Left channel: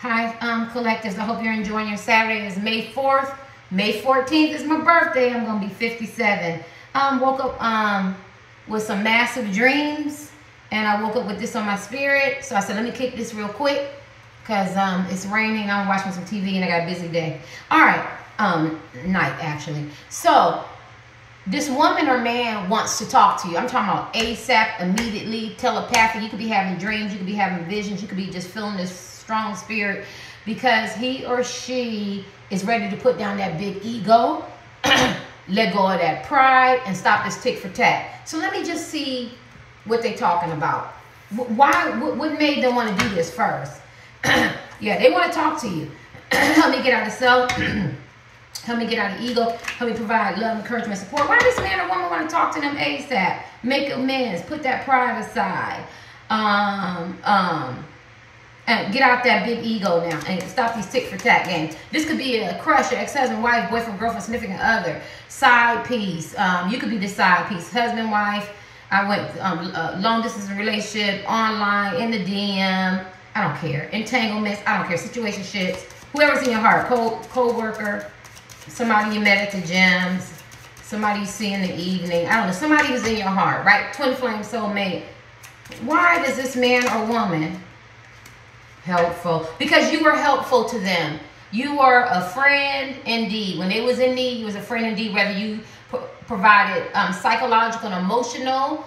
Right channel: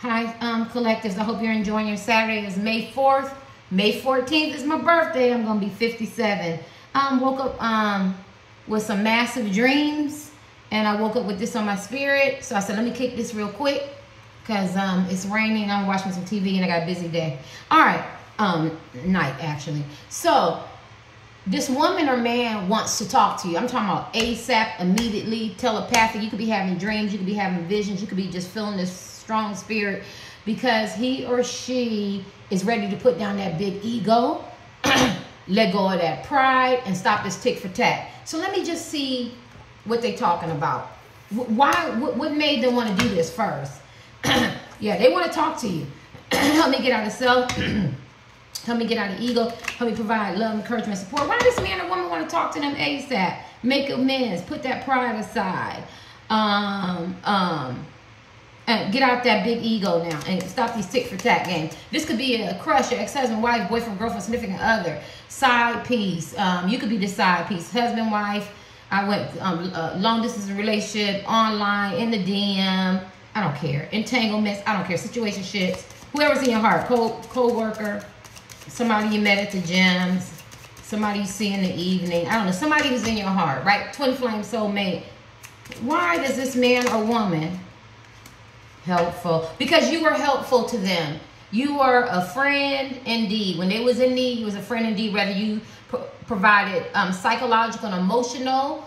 Hi, collectives. I hope you're enjoying your Saturday. It's May 4th. May 14th is my birthday. I'm going to be 57. Woke up with some massive dreams, and I woke up with this on my spirit. So I said, let me kick this real quick because it's raining. I'm watching some TV, and I got a busy day. All right, night, actually. So this woman or man wants to talk to you. I'm talking about ASAP, immediately, telepathic. You could be having dreams. You could be having visions. You could be just feeling this strong spirit because he or she is ready to put down that big ego, let go of that pride, and stop this tick for tat. So let me just see what they're talking about. What made them want to do this first? Yeah, they want to talk to you. Help me get out of self. Help me get out of ego. Help me provide love, encouragement, support. Why does this man or woman want to talk to them ASAP? Make amends. Put that pride aside. And get out that big ego now and stop these tick for tat games. This could be a crush, your ex-husband, wife, boyfriend, girlfriend, significant other, side piece. You could be the side piece, husband, wife. I went long distance relationship, online, in the DM. I don't care. Entanglements. I don't care. Situationships. Whoever's in your heart. Co-worker. Somebody you met at the gym. Somebody you see in the evening. I don't know. Somebody who's in your heart, right? Twin flame soulmate. Why does this man or woman helpful? Because you were helpful to them. You were a friend indeed. When they was in need, you was a friend indeed. Whether you provided psychological and emotional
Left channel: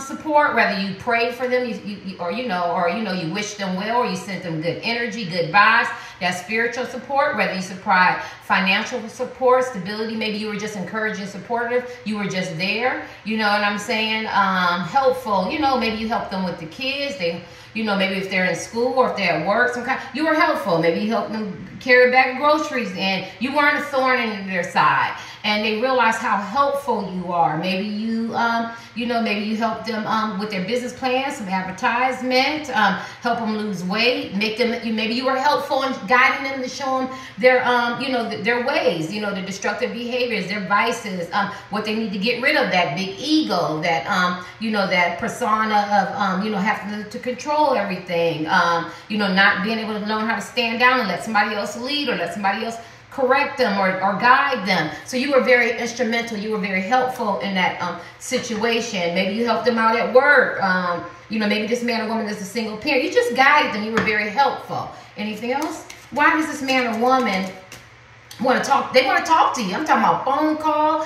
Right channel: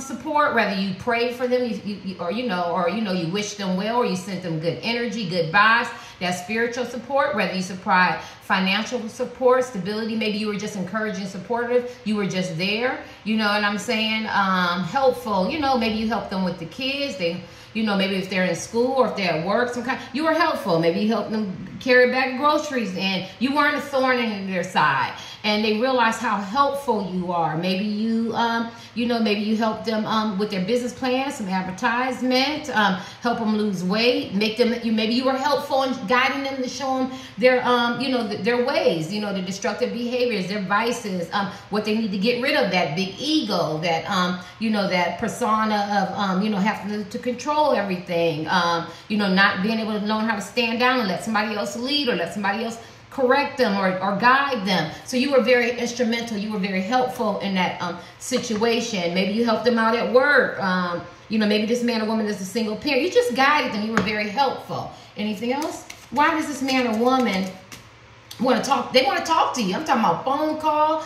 support, whether you prayed for them, or you wished them well, or you sent them good energy, good vibes, that spiritual support, whether you supplied financial support, stability, maybe you were just encouraging, supportive, you were just there, you know what I'm saying? Helpful, maybe you helped them with the kids, maybe if they're in school or if they're at work, you were helpful. Maybe you helped them carry back groceries and you weren't a thorn in their side. And they realize how helpful you are. Maybe you, maybe you help them with their business plans, some advertisement, help them lose weight, maybe you were helpful in guiding them to show them their, their ways, their destructive behaviors, their vices, what they need to get rid of, that big ego, that, that persona of, having to control everything, not being able to learn how to stand down and let somebody else lead or let somebody else correct them or guide them. So you were very instrumental. You were very helpful in that situation. Maybe you helped them out at work. Maybe this man or woman is a single parent. You just guided them. You were very helpful. Anything else? Why does this man or woman want to talk? They want to talk to you. I'm talking about phone call,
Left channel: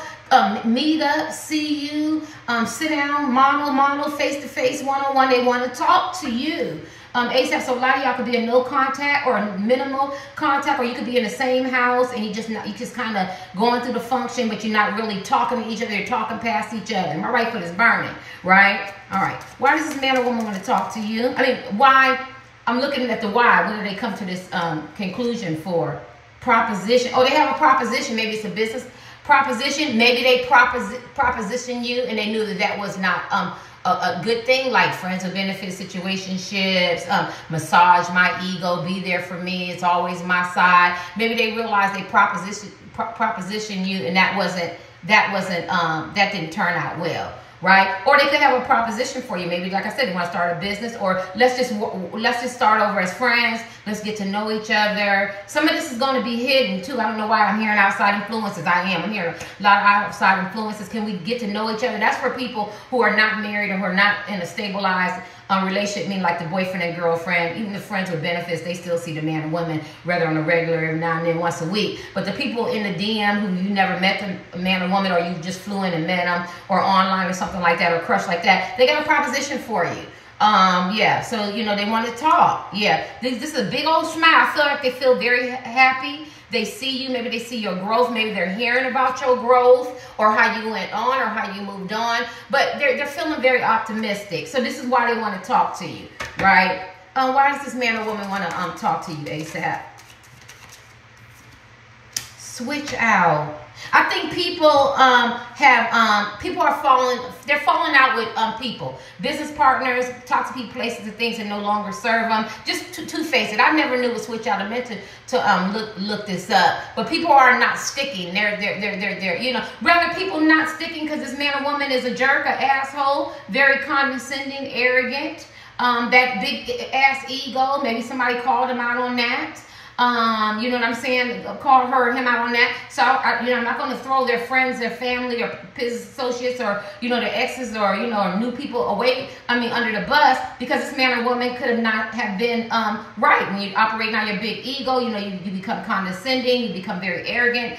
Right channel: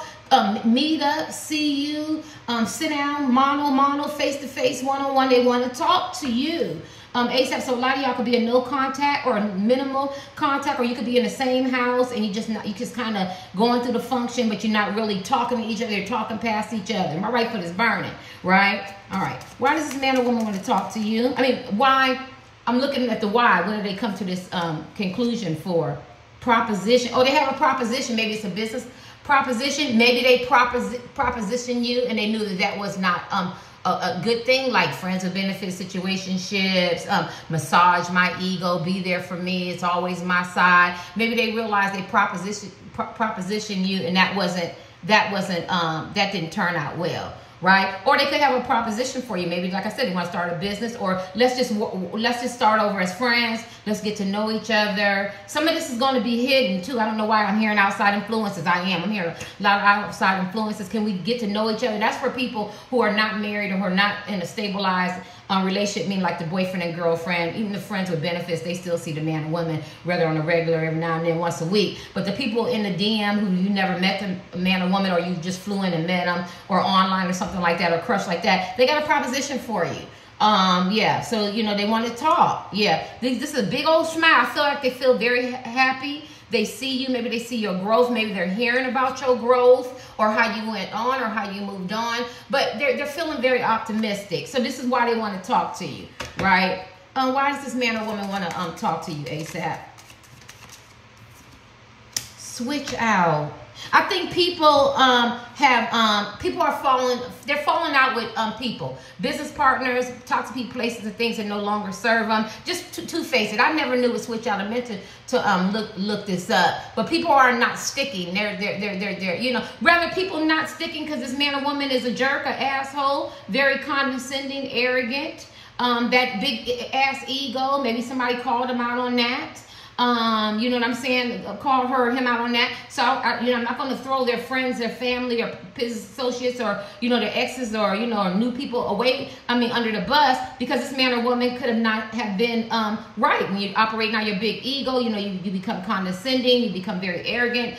meet up, see you, sit down, mono, face-to-face, one-on-one. They want to talk to you. ASAP, so a lot of y'all could be in no contact or minimal contact, or you could be in the same house and you just kind of going through the function, but you're not really talking to each other. You're talking past each other. My right foot is burning, right? All right. Why does this man or woman want to talk to you? I mean, why? I'm looking at the why. When do they come to this conclusion for? Proposition. Oh, they have a proposition. Maybe it's a business proposition. Maybe they proposition you and they knew that was not a good thing, like friends with benefits, situationships, massage my ego, be there for me, it's always my side. Maybe they realized they proposition you and that didn't turn out well, right? Or they could have a proposition for you. Maybe, like I said, they want to start a business, or let's just start over as friends. Let's get to know each other. Some of this is going to be hidden too. I don't know why I'm hearing outside influences. I'm hearing a lot of outside influences. Can we get to know each other? That's for people who are not married or who are not in a stabilized relationship, meaning like the boyfriend and girlfriend, even the friends with benefits, they still see the man and woman rather on a regular every now and then, once a week. But the people in the DM who you never met the man or woman, or you just flew in and met them, or online or something like that, or crush like that, they got a proposition for you. Yeah, so, they want to talk. Yeah, this is a big old smile. I feel like they feel very happy. They see you, maybe they see your growth, maybe they're hearing about your growth or how you went on or how you moved on, but they're feeling very optimistic. So this is why they want to talk to you, right? Why does this man or woman want to talk to you ASAP? Switch out. I think people they're falling out with people, business partners, toxic places and things that no longer serve them. Just to face it, I never knew what switch out. I meant to look this up, but people are not sticking. They're rather people not sticking because this man or woman is a jerk, an asshole, very condescending, arrogant. that big ass ego. Maybe somebody called him out on that. You know what I'm saying? Called him out on that. So, you know, I'm not going to throw their friends, their family, or his associates, or, you know, their exes, or, you know, or new people away, under the bus, because this man or woman could have not have been right. When you operate on your big ego, you know, you become condescending, you become very arrogant,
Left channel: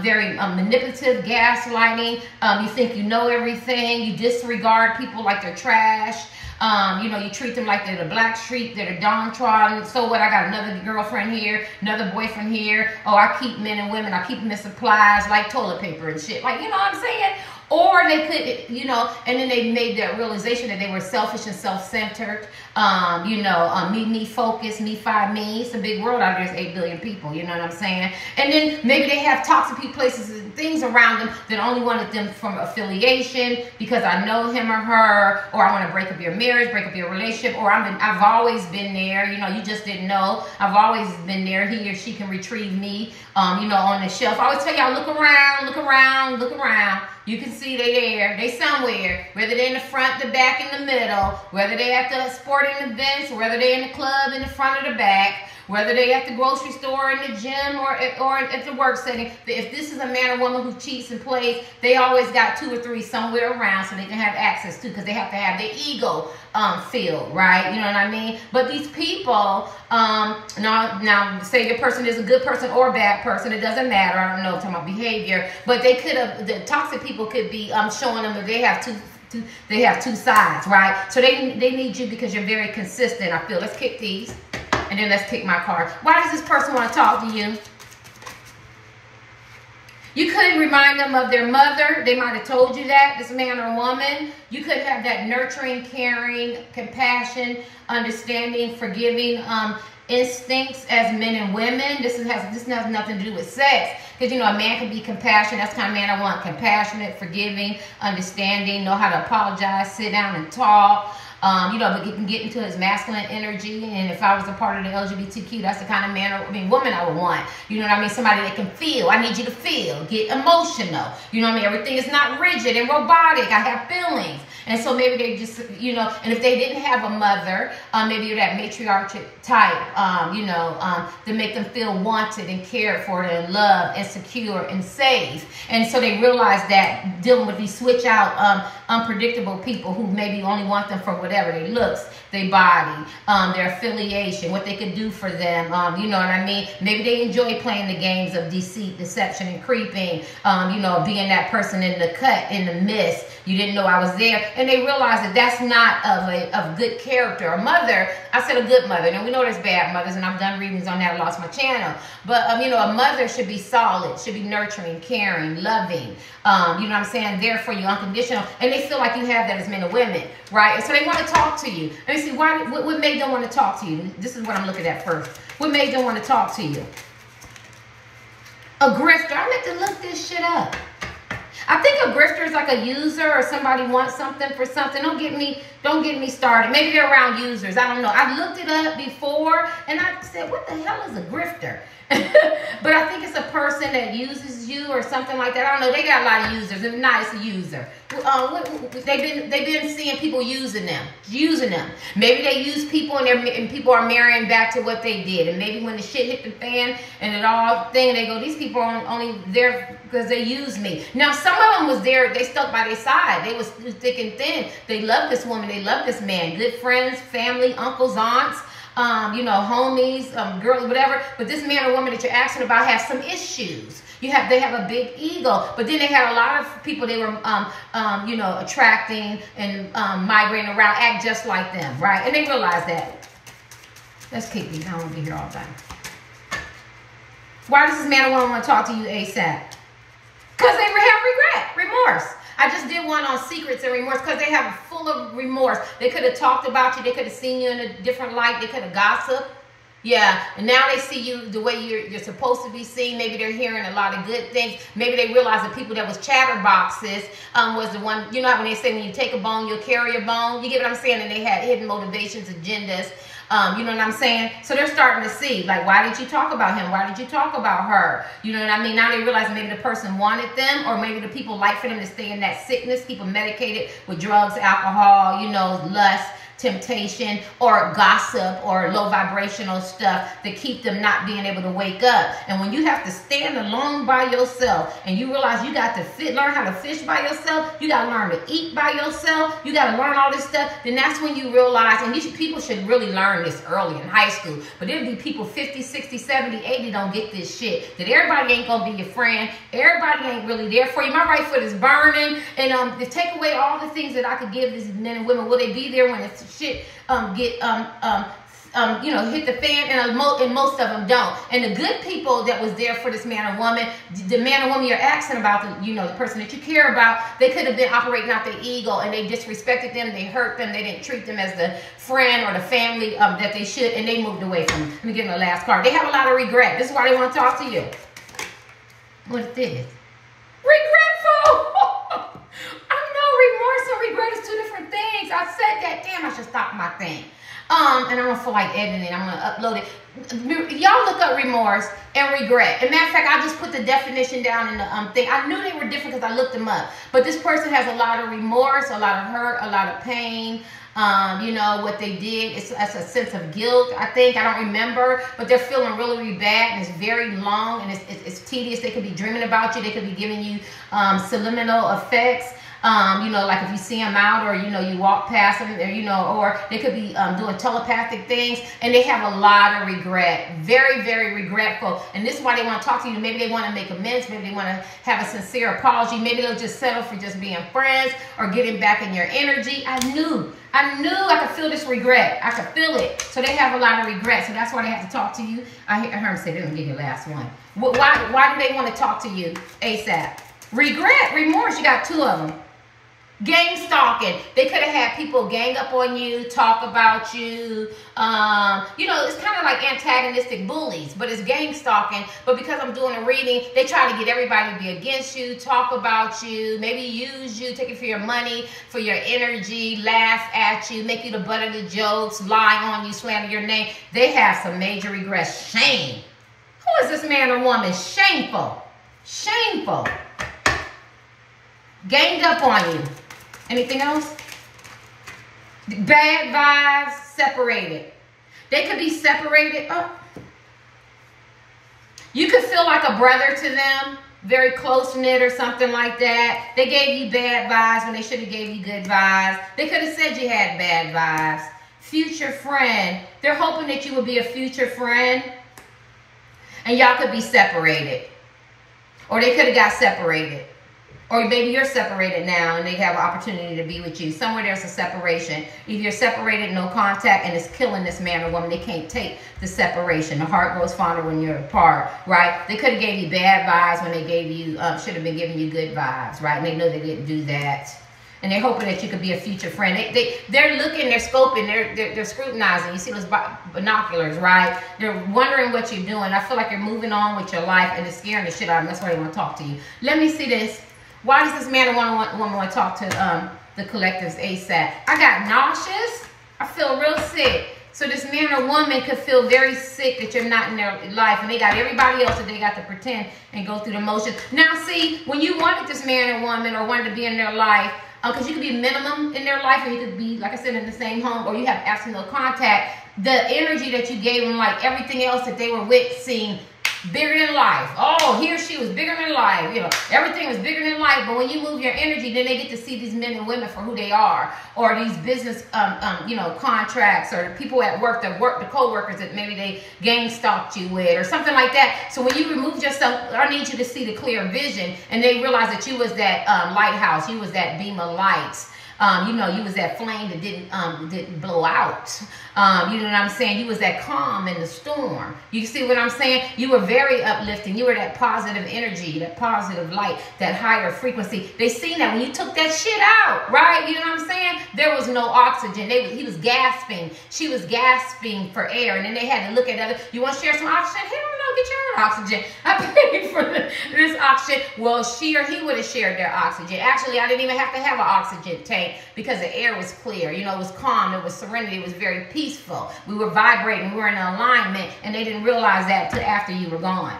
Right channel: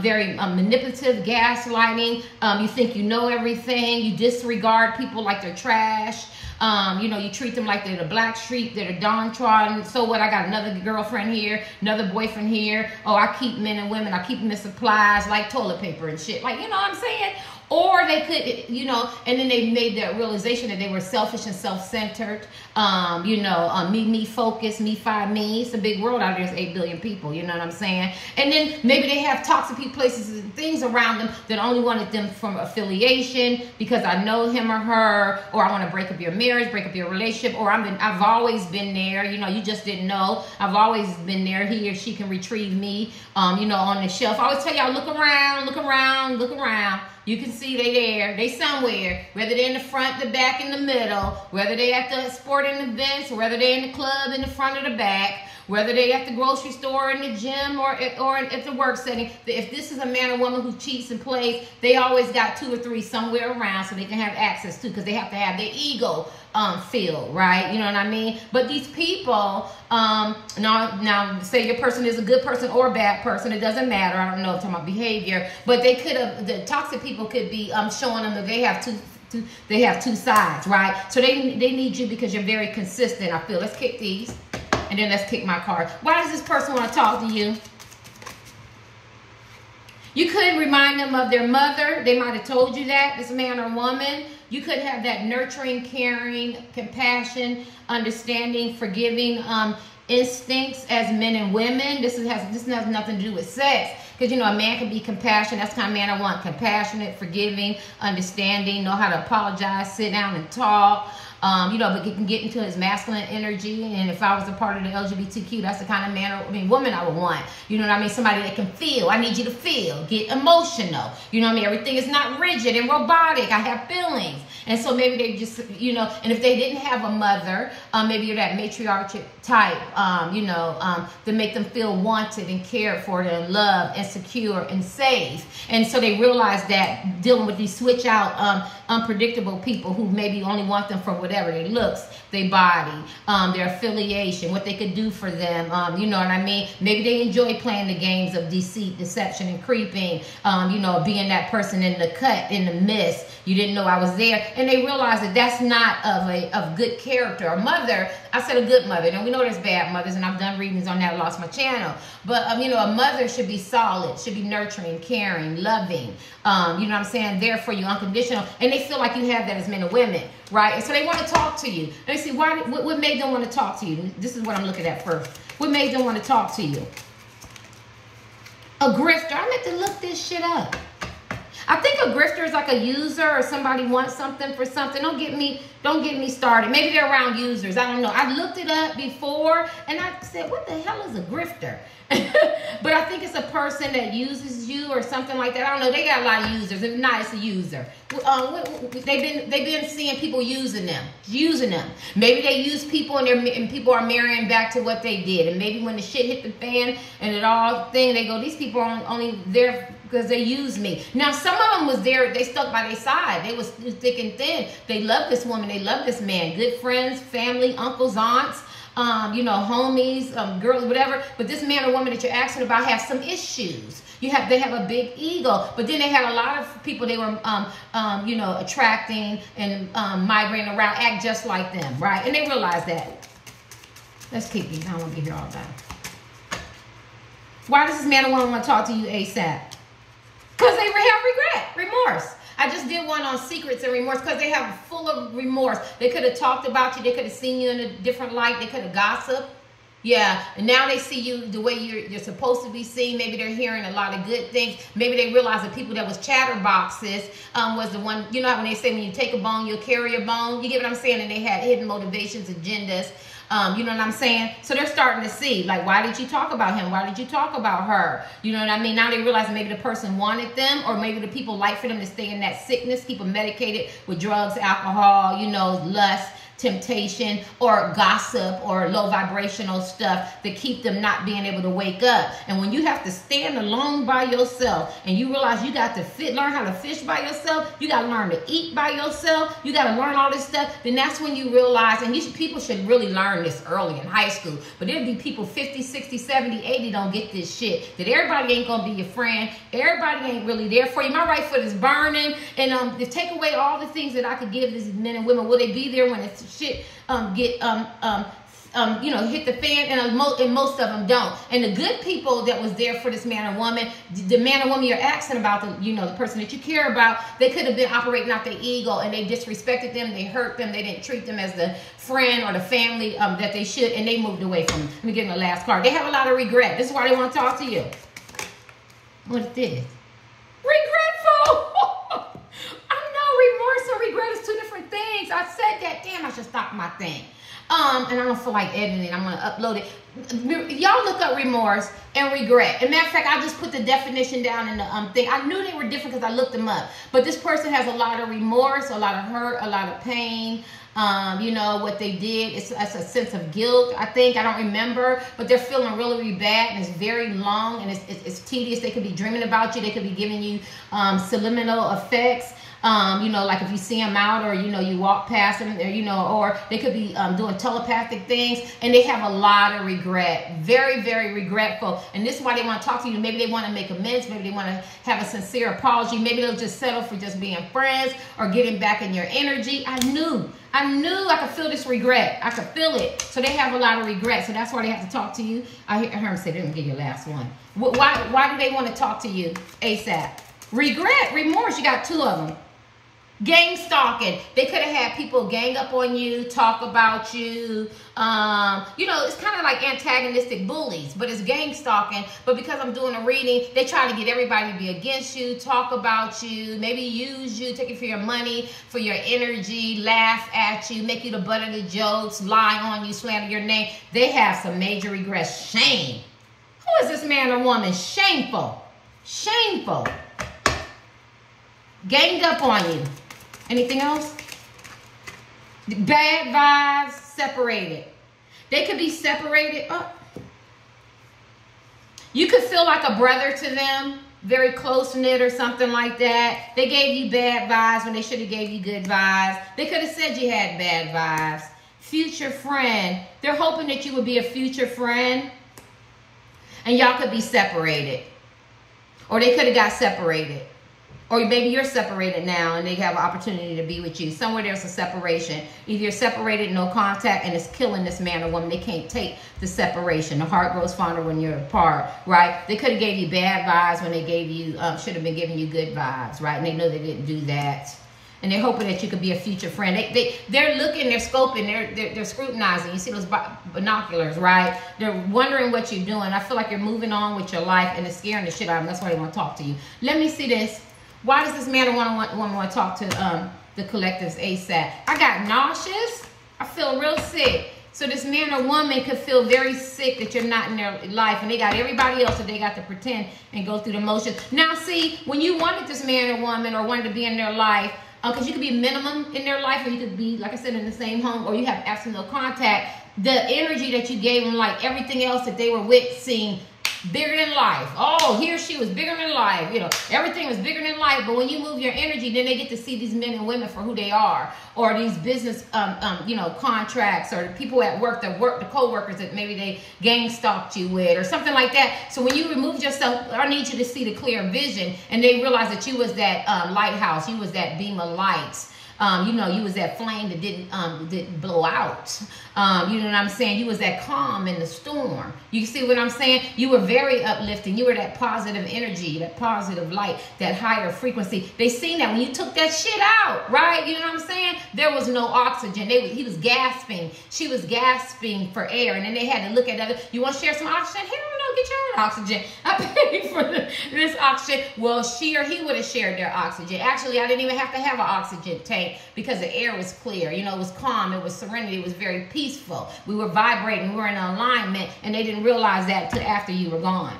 very manipulative, gaslighting. You think you know everything. You disregard people like they're trash. You know, you treat them like they're the black sheep, they're the downtrodden. So what? I got another girlfriend here, another boyfriend here. Oh, I keep men and women, I keep them in supplies like toilet paper and shit. Like, you know what I'm saying? Or they could, you know, and then they made that realization that they were selfish and self-centered. You know, me focused, me five me. It's a big world out there. There's 8 billion people, you know what I'm saying? And then maybe they have toxic places and things around them that only wanted them from affiliation because I know him or her, or I want to break up your marriage, break up your relationship, or I've always been there. You know, you just didn't know. I've always been there. He or she can retrieve me, you know, on the shelf. I always tell y'all, look around, look around, look around. You can see they there, they somewhere, whether they're in the front, the back, in the middle, whether they at the sporting events, whether they're in the club, in the front or the back, whether they at the grocery store, in the gym, or at the work setting. If this is a man or woman who cheats and plays, they always got 2 or 3 somewhere around so they can have access to, because they have to have their ego filled, right? You know what I mean? But these people, now say the person is a good person or a bad person, it doesn't matter. I don't know, I'm talking about behavior, but they could have, the toxic people could be showing them that they have two sides, right? So they need you because you're very consistent, I feel. Let's kick these. And then let's pick my card. Why does this person want to talk to you? You could remind them of their mother. They might have told you that, this man or woman. You could have that nurturing, caring, compassion, understanding, forgiving instincts as men and women. This has nothing to do with sex. Because, you know, a man can be compassionate. That's the kind of man I want. Compassionate, forgiving, understanding, know how to apologize, sit down and talk. You know, but he can get into his masculine energy. And if I was a part of the LGBTQ, that's the kind of man, woman I would want. You know what I mean? Somebody that can feel. I need you to feel. Get emotional. You know what I mean? Everything is not rigid and robotic. I have feelings. And so maybe they just, you know, and if they didn't have a mother, maybe you're that matriarchal type, you know, to make them feel wanted and cared for and loved and secure and safe. And so they realize that dealing with these switch out, unpredictable people who maybe only want them for whatever, their looks, their body, their affiliation, what they could do for them, you know what I mean? Maybe they enjoy playing the games of deceit, deception, and creeping, you know, being that person in the cut, in the mist. You didn't know I was there. And they realize that that's not of good character. A mother, I said a good mother. Now, we know there's bad mothers, and I've done readings on that. I lost my channel. But, you know, a mother should be solid, should be nurturing, caring, loving, you know what I'm saying, there for you, unconditional. And they feel like you have that as men and women, right? And so they want to talk to you. Let me see, what made them want to talk to you? This is what I'm looking at first. What made them want to talk to you? A grifter. I meant to look this shit up. I think a grifter is like a user, or somebody wants something for something. Don't get me started. Maybe they're around users. I don't know. I looked it up before and I said, what the hell is a grifter? But I think it's a person that uses you or something like that. I don't know. They got a lot of users, and not it's a user. They've been seeing people using them. Maybe they use people and people are marrying back to what they did. And maybe when the shit hit the fan and it all thing, they go, these people are only there because they used me. Now, some of them was there. They stuck by their side. They was thick and thin. They loved this woman. They loved this man. Good friends, family, uncles, aunts. You know, homies, girls, whatever. But this man or woman that you're asking about has some issues. They have a big ego. But then they had a lot of people they were, you know, attracting and migrating around, act just like them, right? And they realized that. Let's keep these. I don't want to be here all day. Why does this man or woman want to talk to you ASAP? Because they have regret, remorse. I just did one on secrets and remorse because they have full of remorse. They could have talked about you. They could have seen you in a different light. They could have gossiped. Yeah, and now they see you the way you're supposed to be seen. Maybe they're hearing a lot of good things. Maybe they realize the people that was chatterboxes was the one, you know how when they say when you take a bone, you'll carry a bone? You get what I'm saying? And they had hidden motivations, agendas. You know what I'm saying? So they're starting to see, like, why did you talk about him? Why did you talk about her? You know what I mean? Now they realize maybe the person wanted them, or maybe the people like for them to stay in that sickness, keep them medicated with drugs, alcohol, you know, lust, temptation or gossip or low vibrational stuff that keep them not being able to wake up. And when you have to stand alone by yourself and you realize you got to learn how to fish by yourself, you got to learn to eat by yourself, you got to learn all this stuff, then that's when you realize, and people should really learn this early in high school, but there'll be people 50, 60, 70, 80 don't get this shit, that everybody ain't gonna be your friend, everybody ain't really there for you. My right foot is burning, and to take away all the things that I could give these men and women, will they be there when it's shit hit the fan? And most of them don't. And the good people that was there for this man or woman, the man or woman you're asking about, the person that you care about, they could have been operating out their ego, and they disrespected them, they hurt them, they didn't treat them as the friend or the family that they should, and they moved away from them. Let me give them the last card. They have a lot of regret. This is why they want to talk to you. What is this? Regretful. I know remorse and regret is two different things. I said that. Damn, I should stop my thing. And I don't feel like editing it. I'm going to upload it. Y'all look up remorse and regret. As a matter of fact, I just put the definition down in the thing. I knew they were different because I looked them up. But this person has a lot of remorse, a lot of hurt, a lot of pain. What they did, it's a sense of guilt, I think. I don't remember, but they're feeling really, really bad, and it's very long, and it's tedious. They could be dreaming about you. They could be giving you subliminal effects. Like if you see them out, or, you walk past them, or they could be doing telepathic things, and they have a lot of regret. Very, very regretful. And this is why they want to talk to you. Maybe they want to make amends. Maybe they want to have a sincere apology. Maybe they'll just settle for just being friends or getting back in your energy. I knew I could feel this regret. I could feel it. So they have a lot of regret. So that's why they have to talk to you. I heard him say they're going to give you the last one. Why do they want to talk to you ASAP? Regret, remorse. You got two of them. Gang stalking. They could have had people gang up on you, talk about you. It's kind of like antagonistic bullies, but it's gang stalking. But because I'm doing a reading, they try to get everybody to be against you, talk about you, maybe use you, take it for your money, for your energy, laugh at you, make you the butt of the jokes, lie on you, slander your name. They have some major regrets. Shame. Who is this man or woman? Shameful. Shameful. Ganged up on you. Anything else? Bad vibes, separated. They could be separated. You could feel like a brother to them, very close-knit or something like that. They gave you bad vibes when they should have gave you good vibes. They could have said you had bad vibes. Future friend. They're hoping that you would be a future friend, and y'all could be separated. Or they could have got separated. Or maybe you're separated now and they have an opportunity to be with you. Somewhere there's a separation. Either you're separated, no contact, and it's killing this man or woman. They can't take the separation. The heart grows fonder when you're apart, right? They could have gave you bad vibes when they gave you, should have been giving you good vibes, right? And they know they didn't do that. And they're hoping that you could be a future friend. They're looking, they're scoping, they're scrutinizing. You see those binoculars, right? They're wondering what you're doing. I feel like you're moving on with your life, and it's scaring the shit out of them. That's why they want to talk to you. Let me see this. Why does this man or woman want to talk to the collectives ASAP? I got nauseous. I feel real sick. So this man or woman could feel very sick that you're not in their life, and they got everybody else that they got to pretend and go through the motions. Now, see, when you wanted this man or woman or wanted to be in their life, because you could be minimum in their life, and you could be, like I said, in the same home, or you have absolute no contact, the energy that you gave them, like everything else that they were with, seemed bigger than life. Oh, he or she was bigger than life. Everything was bigger than life. But when you move your energy, then they get to see these men and women for who they are, or these business, contracts, or people at work, the co-workers that maybe they gang stalked you with, or something like that. So when you remove yourself, I need you to see the clear vision, and they realize that you was that lighthouse, you was that beam of light. You was that flame that didn't blow out. You know what I'm saying? You was that calm in the storm. You see what I'm saying? You were very uplifting. You were that positive energy, that positive light, that higher frequency. They seen that when you took that shit out, right? You know what I'm saying? There was no oxygen. He was gasping. She was gasping for air. And then they had to look at other. You want to share some oxygen? Hell no, get your own oxygen. I paid for this oxygen. Well, she or he would have shared their oxygen. Actually, I didn't even have to have an oxygen tank because the air was clear. It was calm. It was serenity. It was very peaceful. We were vibrating. We were in alignment, and they didn't realize that till after you were gone.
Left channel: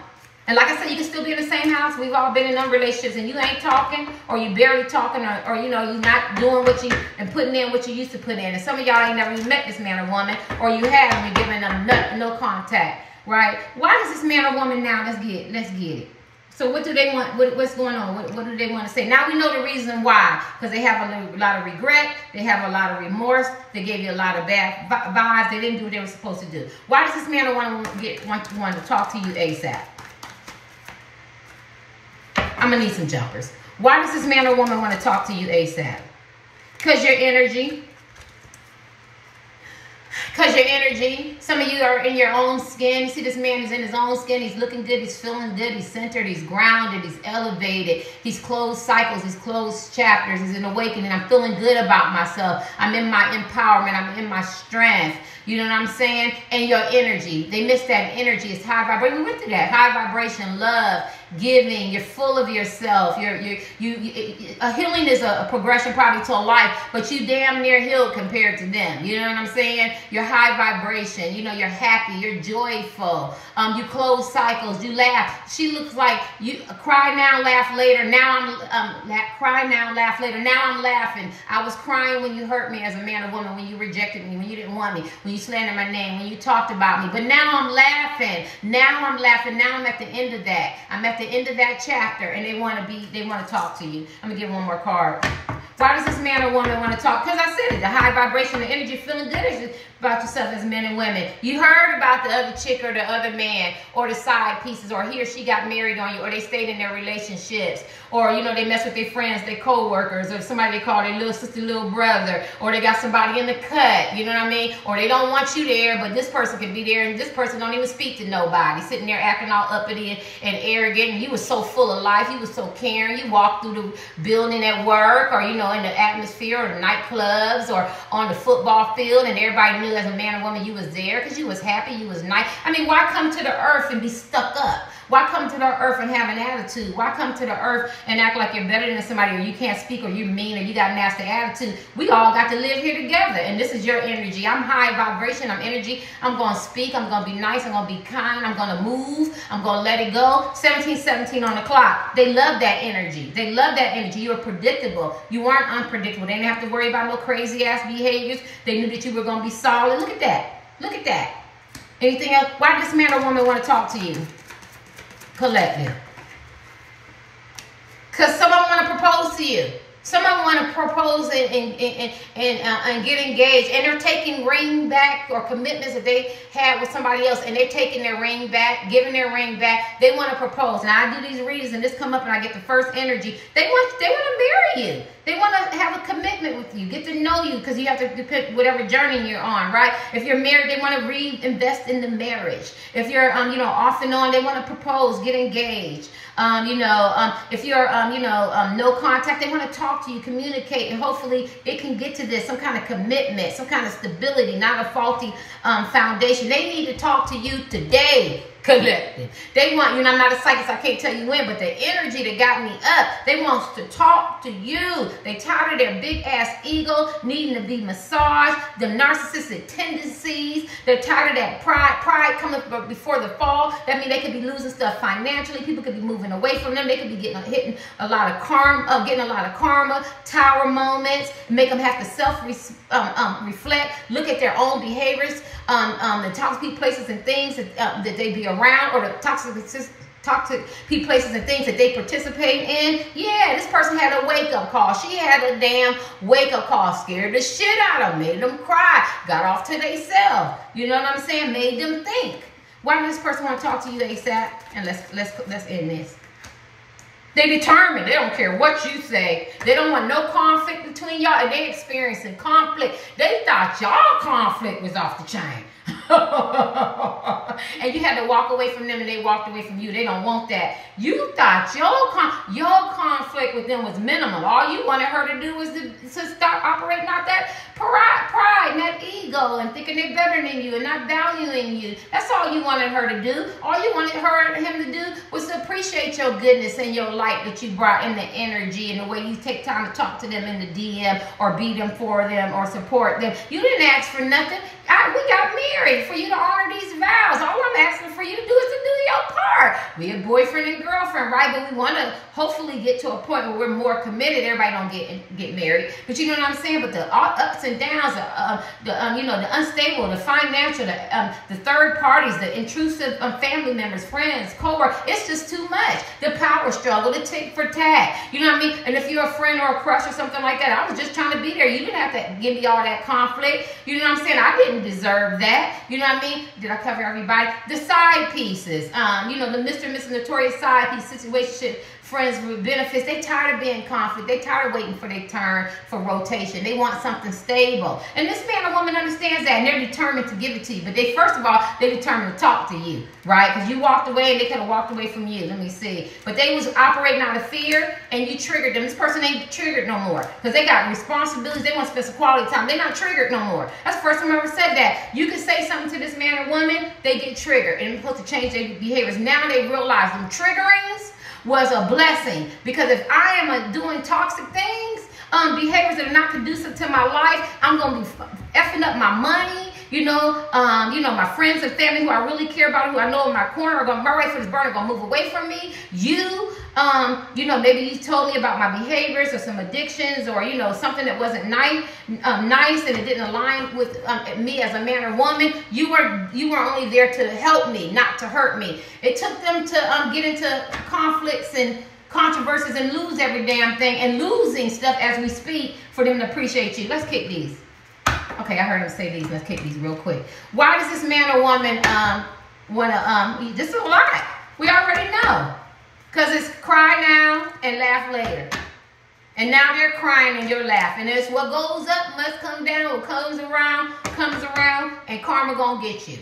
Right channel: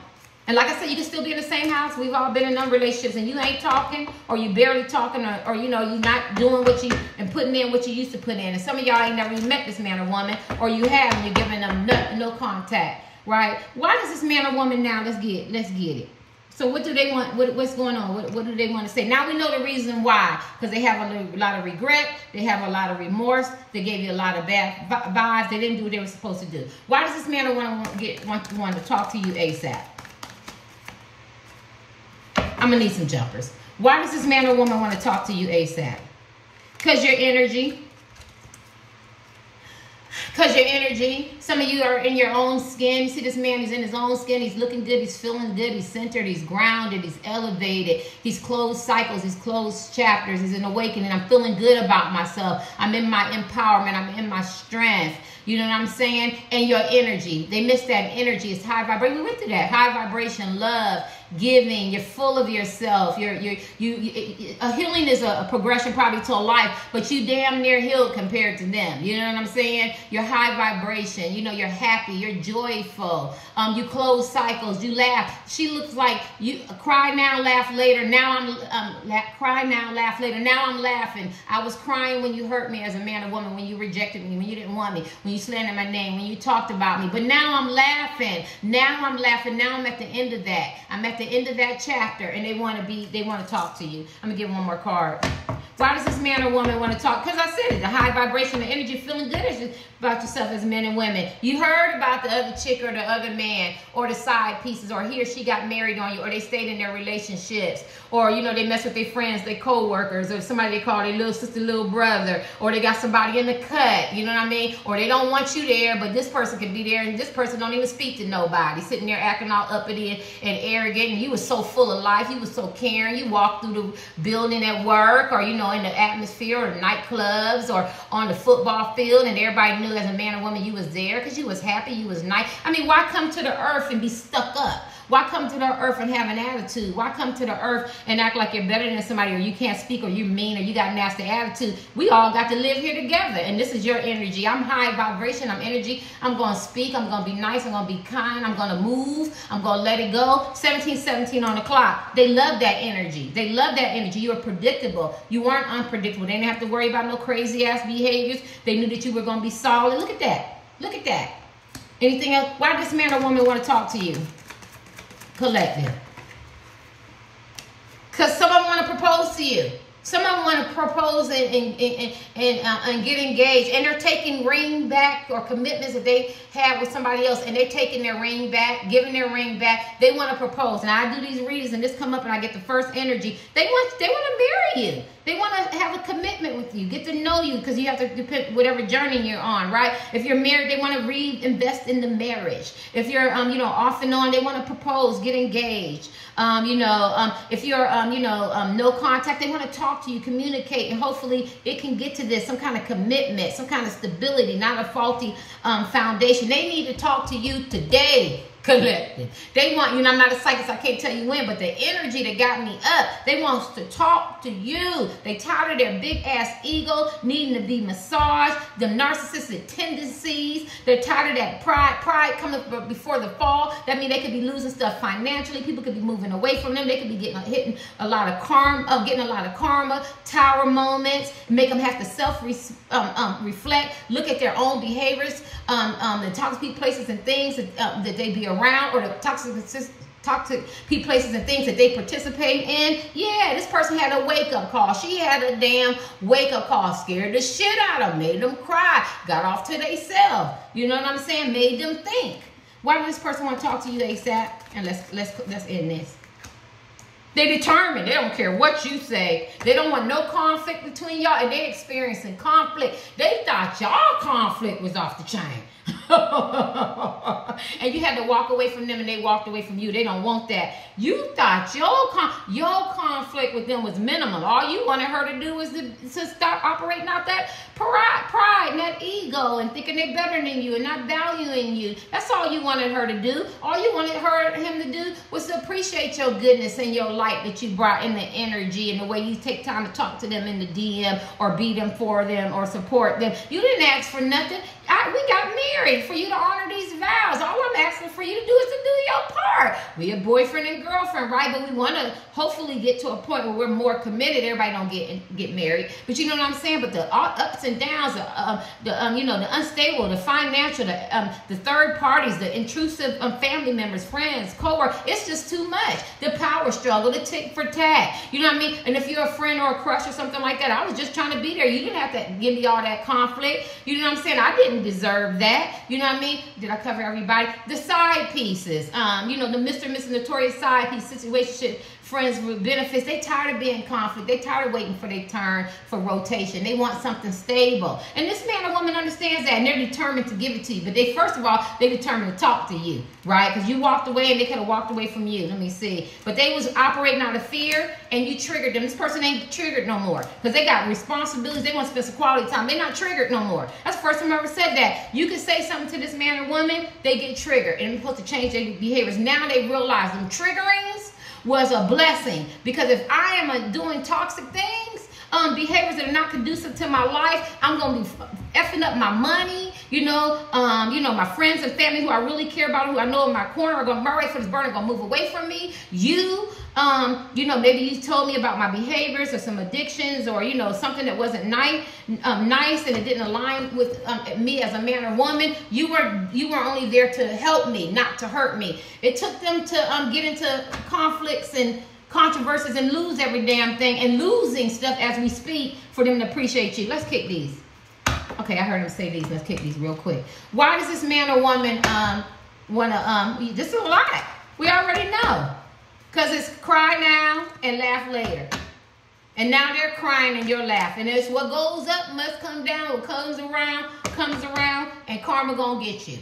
And like I said, you can still be in the same house. We've all been in them relationships and you ain't talking, or you barely talking, or you know, you're not doing what you, and putting in what you used to put in. And some of y'all ain't never even met this man or woman, or you have, and you're giving them no contact, right? Why does this man or woman now, let's get it. So what do they want? What's going on? What do they want to say? Now we know the reason why. Because they have a lot of regret. They have a lot of remorse. They gave you a lot of bad vibes. They didn't do what they were supposed to do. Why does this man or woman want to talk to you ASAP? I'm going to need some jumpers. Why does this man or woman want to talk to you ASAP? Because your energy. Because your energy. Some of you are in your own skin. You see this man is in his own skin. He's looking good. He's feeling good. He's centered. He's grounded. He's elevated. He's closed cycles. He's closed chapters. He's an awakening. I'm feeling good about myself. I'm in my empowerment. I'm in my strength. You know what I'm saying? And your energy. They miss that energy. It's high vibration. We went through that. High vibration, love, giving. You're full of yourself. A healing is a progression probably to a life, but you damn near healed compared to them. You know what I'm saying? You're high vibration. You know, you're happy. You're joyful. You close cycles. You laugh. She looks like you cry now, laugh later. Now I'm cry now, laugh later. Now I'm laughing. I was crying when you hurt me as a man or woman, when you rejected me, when you didn't want me, when you slandered my name, when you talked about me. But now I'm laughing. Now I'm laughing. Now I'm at the end of that. I'm at the end of that chapter, and they want to talk to you. I'm gonna give one more card. Why does this man or woman want to talk? Because I said it, the high vibration, the energy, feeling good about yourself as men and women. You heard about the other chick or the other man or the side pieces, or he or she got married on you, or they stayed in their relationships, or, you know, they mess with their friends, their co-workers, or somebody they call their little sister, little brother, or they got somebody in the cut, you know what I mean? Or they don't want you there, but this person can be there, and this person don't even speak to nobody, sitting there acting all uppity and arrogant, and you was so full of life, you was so caring, you walked through the building at work, or, you know, in the atmosphere, or the nightclubs, or on the football field, and everybody knew as a man or woman you was there because you was happy, you was nice. I mean, why come to the earth and be stuck up? Why come to the earth and have an attitude? Why come to the earth and act like you're better than somebody, or you can't speak, or you're mean, or you got a nasty attitude? We all got to live here together, and this is your energy. I'm high vibration. I'm energy. I'm going to speak. I'm going to be nice. I'm going to be kind. I'm going to move. I'm going to let it go. 1717 on the clock. They love that energy. They love that energy. You were predictable. You weren't unpredictable. They didn't have to worry about no crazy-ass behaviors. They knew that you were going to be solid. Look at that. Look at that. Anything else? Why does this man or woman want to talk to you? Collective. Because some of them want to propose to you. Some of them want to propose and get engaged, and they're taking ring back, or commitments that they had with somebody else, and they're taking their ring back, giving their ring back. They want to propose. Now I do these readings, and this come up, and I get the first energy. They want to marry you. They want to have a commitment with you, get to know you, because you have to depend whatever journey you're on, right? If you're married, they want to reinvest in the marriage. If you're you know, off and on, they want to propose, get engaged. If you're no contact, they want to talk to you, communicate, and hopefully it can get to this, some kind of commitment, some kind of stability, not a faulty foundation. They need to talk to you today. Collective. They want, you know, I'm not a psychic, so I can't tell you when, but the energy that got me up, they want to talk to you. They tired of their big ass ego needing to be massaged, them narcissistic tendencies. They're tired of that pride coming before the fall. That means they could be losing stuff financially. People could be moving away from them. They could be hitting a lot of karma, tower moments, make them have to self-reflect, look at their own behaviors, the toxic places and things that they be around, or the toxic people, places and things that they participate in. Yeah, this person had a wake-up call. She had a damn wake-up call. Scared the shit out of them, made them cry, got off to themselves. You know what I'm saying? Made them think. Why does this person want to talk to you ASAP? And let's end this. They determined. They don't care what you say. They don't want no conflict between y'all. And they experiencing conflict. They thought y'all conflict was off the chain. And you had to walk away from them, and they walked away from you. They don't want that. You thought your conflict with them was minimal. All you wanted her to do was to start operating out that pride and that ego, and thinking they're better than you and not valuing you. That's all you wanted her to do. All you wanted him to do was to appreciate your goodness and your light that you brought, in the energy and the way you take time to talk to them in the DM, or be them for them, or support them. You didn't ask for nothing. We got married for you to honor these vows. All I'm asking for you to do is to do your part. We a boyfriend and girlfriend, right? But we want to hopefully get to a point where we're more committed. Everybody don't get married, but you know what I'm saying. But the ups and downs, you know, the unstable, the financial, the third parties, the intrusive family members, friends, co-workers, it's just too much. The power struggle, the tick for tat. You know what I mean? And if you're a friend or a crush or something like that, I was just trying to be there. You didn't have to give me all that conflict. You know what I'm saying? I didn't deserve that. You know what I mean? Did I cover everybody? The side pieces, you know, the Mr. and Mrs. Notorious side piece, situationship, friends with benefits. They tired of being in conflict. They tired of waiting for their turn for rotation. They want something stable. And this man or woman understands that, and they're determined to give it to you. But first of all, they're determined to talk to you, right? Because you walked away and they could have walked away from you. Let me see. But they was operating out of fear, and you triggered them. This person ain't triggered no more because they got responsibilities. They want to spend some quality time. They're not triggered no more. That's the first time I ever said that. You can say something to this man or woman, they get triggered, and it's supposed to change their behaviors. Now they realize them triggerings was a blessing, because if I am doing toxic things, behaviors that are not conducive to my life, I'm gonna be effing up my money. You know, my friends and family who I really care about, who I know in my corner, are gonna run right for this burner, gonna move away from me. You know, maybe you told me about my behaviors or some addictions, or you know, something that wasn't nice, and it didn't align with me as a man or woman. You were only there to help me, not to hurt me. It took them to get into conflicts and controversies and lose every damn thing, and losing stuff as we speak, for them to appreciate you. Let's kick these. Okay, I heard him say these. Let's kick these real quick. Why does this man or woman wanna this is a lot. We already know. Because it's cry now and laugh later. And now they're crying and you're laughing. It's what goes up must come down. What comes around, and karma gonna get you.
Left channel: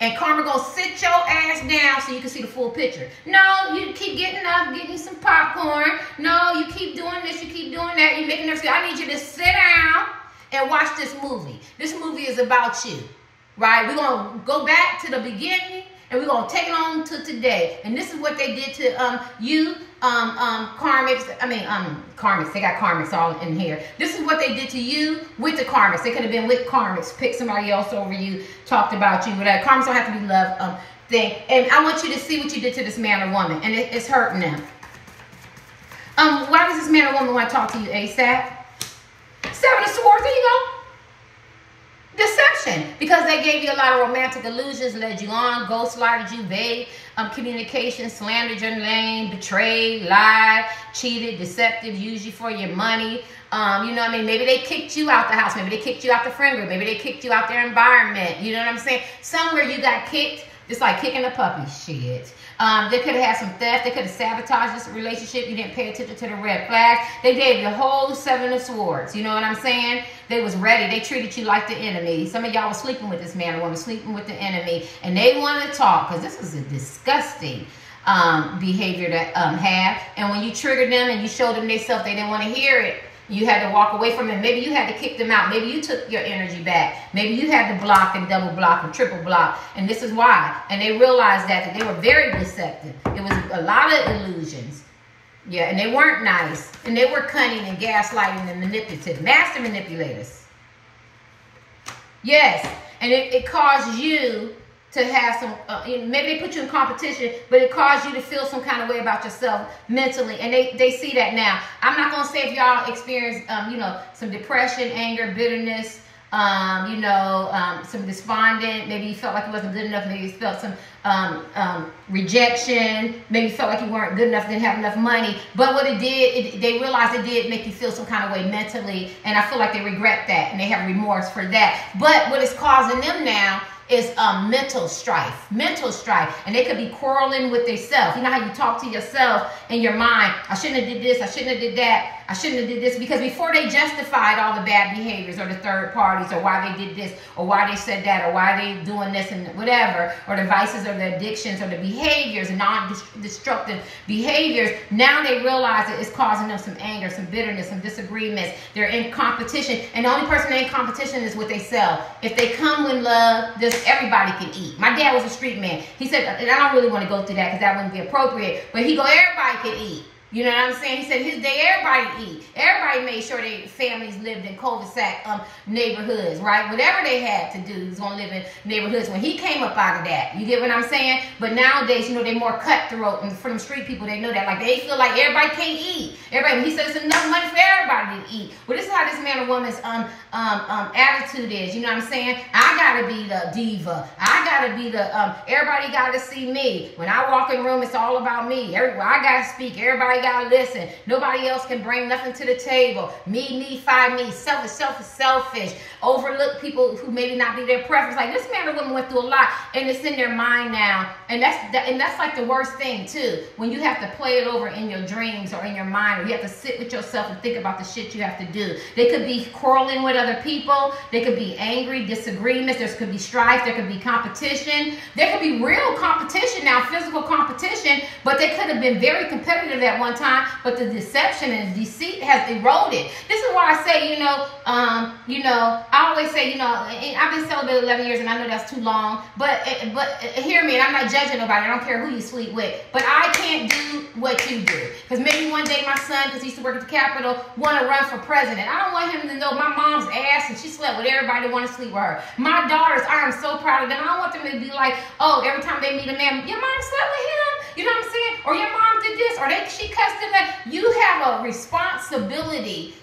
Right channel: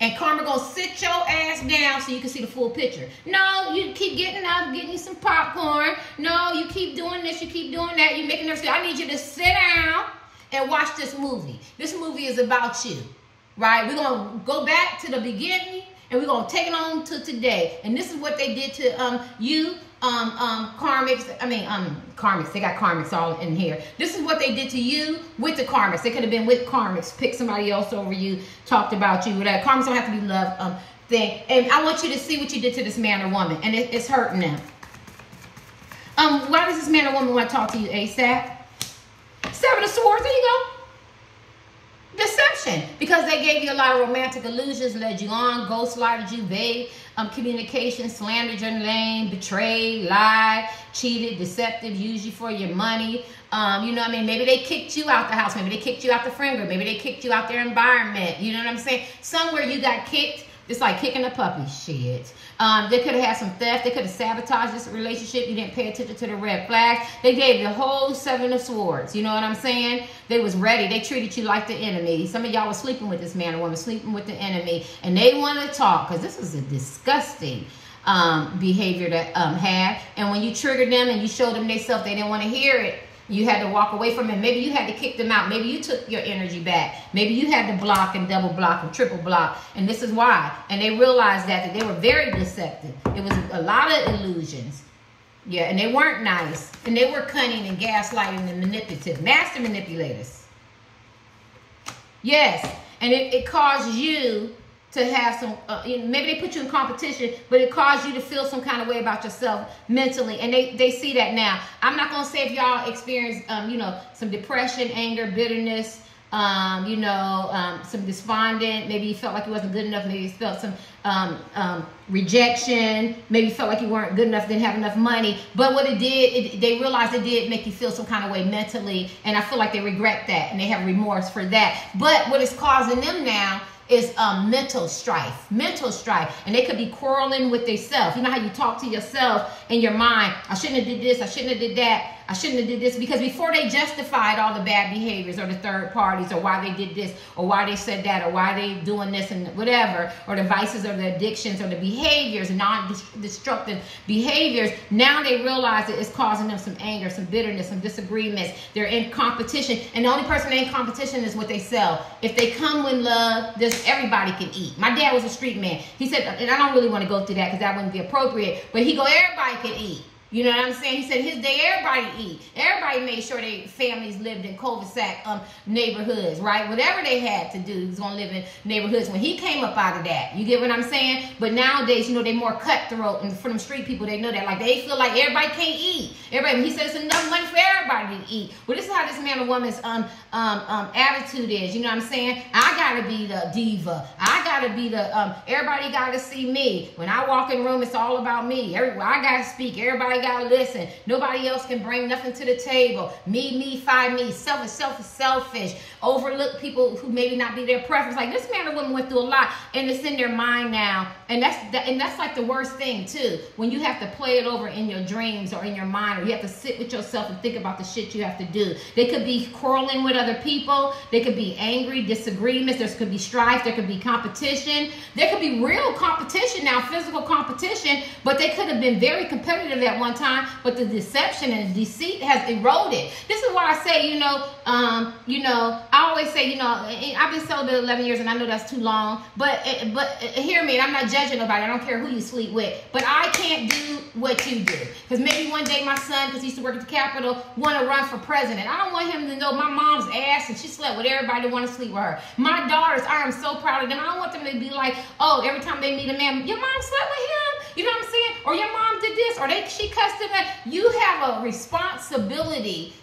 And karma gonna sit your ass down so you can see the full picture. No, you keep getting up, getting you some popcorn. No, you keep doing this, you keep doing that. You're making them say, I need you to sit down and watch this movie. This movie is about you, right? We're gonna go back to the beginning, and we're going to take it on to today. And this is what they did to you, karmics. Karmics. They got karmics all in here. This is what they did to you with the karmics. They could have been with karmics, picked somebody else over you, talked about you, whatever. Karmics don't have to be love thing. And I want you to see what you did to this man or woman. And it's hurting them. Why does this man or woman want to talk to you ASAP? Seven of Swords. There you go. Deception, because they gave you a lot of romantic illusions, led you on, ghostlighted you, vague communication, slandered your name, betrayed, lied, cheated, deceptive, used you for your money. You know what I mean? Maybe they kicked you out the house. Maybe they kicked you out the friend group. Maybe they kicked you out their environment. You know what I'm saying? Somewhere you got kicked. It's like kicking a puppy. Shit. They could have had some theft. They could have sabotaged this relationship. You didn't pay attention to the red flags. They gave the whole Seven of Swords. You know what I'm saying? They was ready. They treated you like the enemy. Some of y'all was sleeping with this man or woman, sleeping with the enemy, and they wanted to talk, because this is a disgusting behavior to have. And when you triggered them and you showed them themselves, they didn't want to hear it. You had to walk away from it. Maybe you had to kick them out. Maybe you took your energy back. Maybe you had to block and double block and triple block. And this is why. And they realized that they were very deceptive. It was a lot of illusions. Yeah, and they weren't nice. And they were cunning and gaslighting and manipulative. Master manipulators. Yes. And it caused you to have some, maybe they put you in competition, but it caused you to feel some kind of way about yourself mentally. And they see that now. I'm not going to say if y'all experience, some depression, anger, bitterness, some despondent. Maybe you felt like you wasn't good enough. Maybe you felt some rejection. Maybe you felt like you weren't good enough, didn't have enough money. But what it did, they realized it did make you feel some kind of way mentally. And I feel like they regret that and they have remorse for that. But what is causing them now is mental strife, and they could be quarreling with themselves. You know how you talk to yourself in your mind, I shouldn't have did this, I shouldn't have did that, I shouldn't have did this, because before they justified all the bad behaviors or the third parties or why they did this or why they said that or why they doing this and whatever, or the vices or the addictions or the behaviors, non-destructive behaviors, now they realize that it's causing them some anger, some bitterness, some disagreements. They're in competition, and the only person in competition is with themselves. If they come with love, everybody can eat. My dad was a street man. He said, and I don't really want to go through that because that wouldn't be appropriate, but he go, everybody can eat. You know what I'm saying? He said his day, everybody eat. Everybody made sure their families lived in cul-de-sac neighborhoods, right? Whatever they had to do, he was going to live in neighborhoods when he came up out of that. You get what I'm saying? But nowadays, you know, they're more cutthroat. And for them street people, they know that. Like, they feel like everybody can't eat. Everybody, he said it's enough money for everybody to eat. Well, this is how this man or woman's attitude is. You know what I'm saying? I got to be the diva. I got to be the, everybody got to see me. When I walk in the room, it's all about me. Everywhere I got to speak. Everybody gotta listen. Nobody else can bring nothing to the table. Me, find me. Selfish. Overlook people who maybe not be their preference. Like, this man or woman went through a lot, and it's in their mind now. And that's like the worst thing too. When you have to play it over in your dreams or in your mind, or you have to sit with yourself and think about the shit you have to do. They could be quarreling with other people. They could be angry, disagreements. There could be strife. There could be competition. There could be real competition now, physical competition, but they could have been very competitive at one time, but the deception and deceit has eroded. This is why I say, I always say, I've been celibate 11 years, and I know that's too long, but hear me, and I'm not judging nobody. I don't care who you sleep with, but I can't do what you do, because maybe one day my son, because he used to work at the Capitol, want to run for president. I don't want him to know my mom's ass, and she slept with everybody that want to sleep with her. My daughters, I am so proud of them. I don't want them to be like, oh, every time they meet a man, your mom slept with him? You know what I'm saying? Or your mom did this, or she cussed him out. You have a responsibility.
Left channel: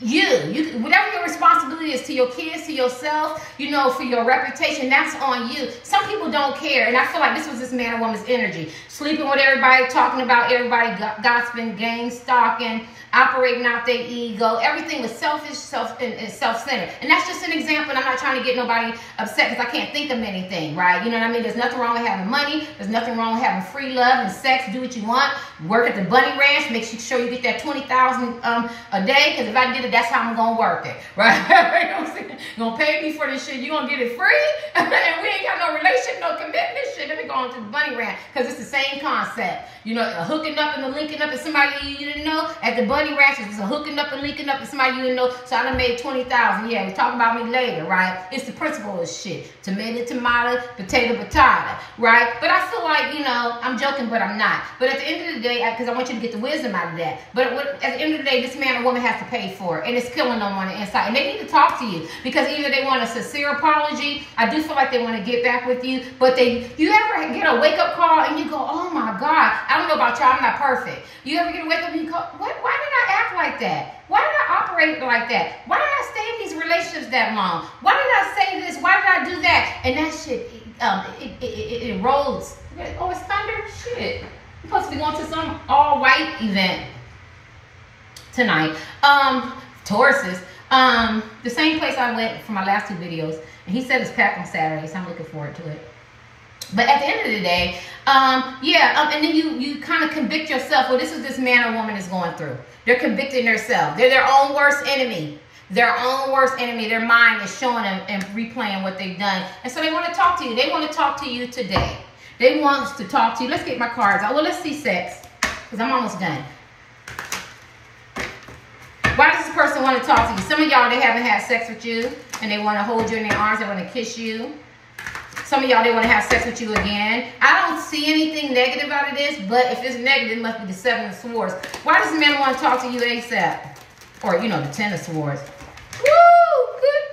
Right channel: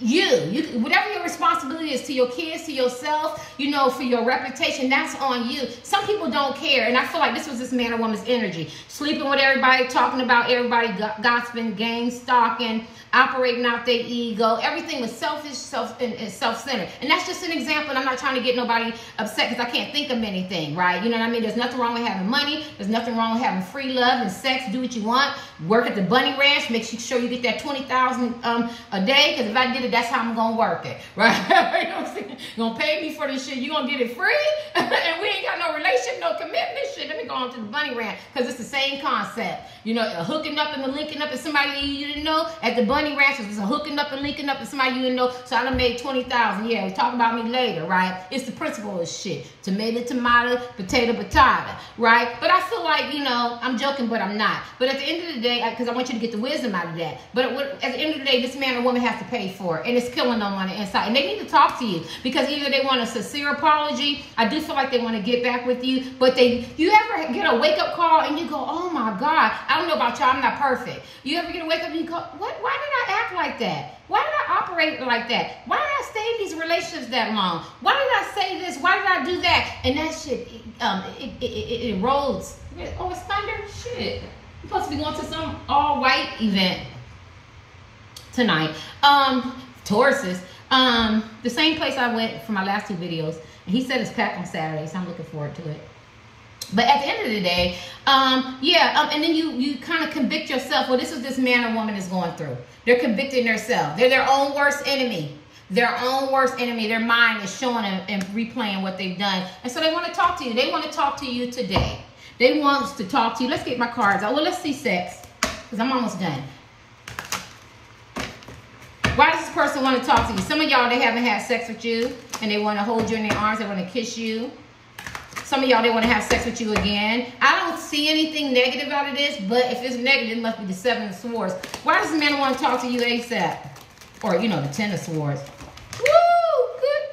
Whatever your responsibility is to your kids, to yourself, for your reputation, that's on you. Some people don't care, and I feel like this was this man or woman's energy. Sleeping with everybody, talking about everybody, gossiping, gang stalking, operating out their ego. Everything was selfish, and self-centered. And that's just an example, and I'm not trying to get nobody upset because I can't think of anything, right? You know what I mean? There's nothing wrong with having money. There's nothing wrong with having free love and sex. Do what you want. Work at the Bunny Ranch. Make sure you get that $20,000 a day, because if I get it, that's how I'm going to work it, right? You know what I'm saying? You're going to pay me for this shit. You're going to get it free? And we ain't got no relation, no commitment. This shit, let me go on to the Bunny Ranch, because it's the same concept. Hooking up and the linking up with somebody you didn't know at the Bunny Ranch. It's a hooking up and linking up with somebody you didn't know. So I done made $20,000. Yeah, we talk about me later, right? It's the principle of shit. Tomato, potato, right? But I feel like, I'm joking, but I'm not. But at the end of the day, because I want you to get the wisdom out of that. But at the end of the day, this man or woman has to pay for it. And it's killing them on the inside. And they need to talk to you, because either they want a sincere apology. I do feel like they want to get back with you. But you ever get a wake-up call and you go, oh my God, I don't know about y'all, I'm not perfect. You ever get a wake-up and you go, why did I act like that? Why did I operate like that? Why did I stay in these relationships that long? Why did I say this? Why did I do that? And that shit, it erodes. Oh, it's thunder? Shit. I'm supposed to be going to some all-white event tonight. Tauruses. The same place I went for my last two videos. And he said it's packed on Saturday, so I'm looking forward to it. But at the end of the day, and then you kind of convict yourself. Well, this is this man or woman is going through. They're convicting themselves. They're their own worst enemy. Their own worst enemy. Their mind is showing them and replaying what they've done. And so they want to talk to you. They want to talk to you today. They want to talk to you. Let's get my cards out. Well, let's see sex, because I'm almost done. Why does this person want to talk to you? Some of y'all, they haven't had sex with you, and they want to hold you in their arms. They want to kiss you. Some of y'all, they want to have sex with you again. I don't see anything negative out of this, but if it's negative, it must be the Seven of Swords. Why does the man want to talk to you ASAP? Or, the Ten of Swords. Woo! Good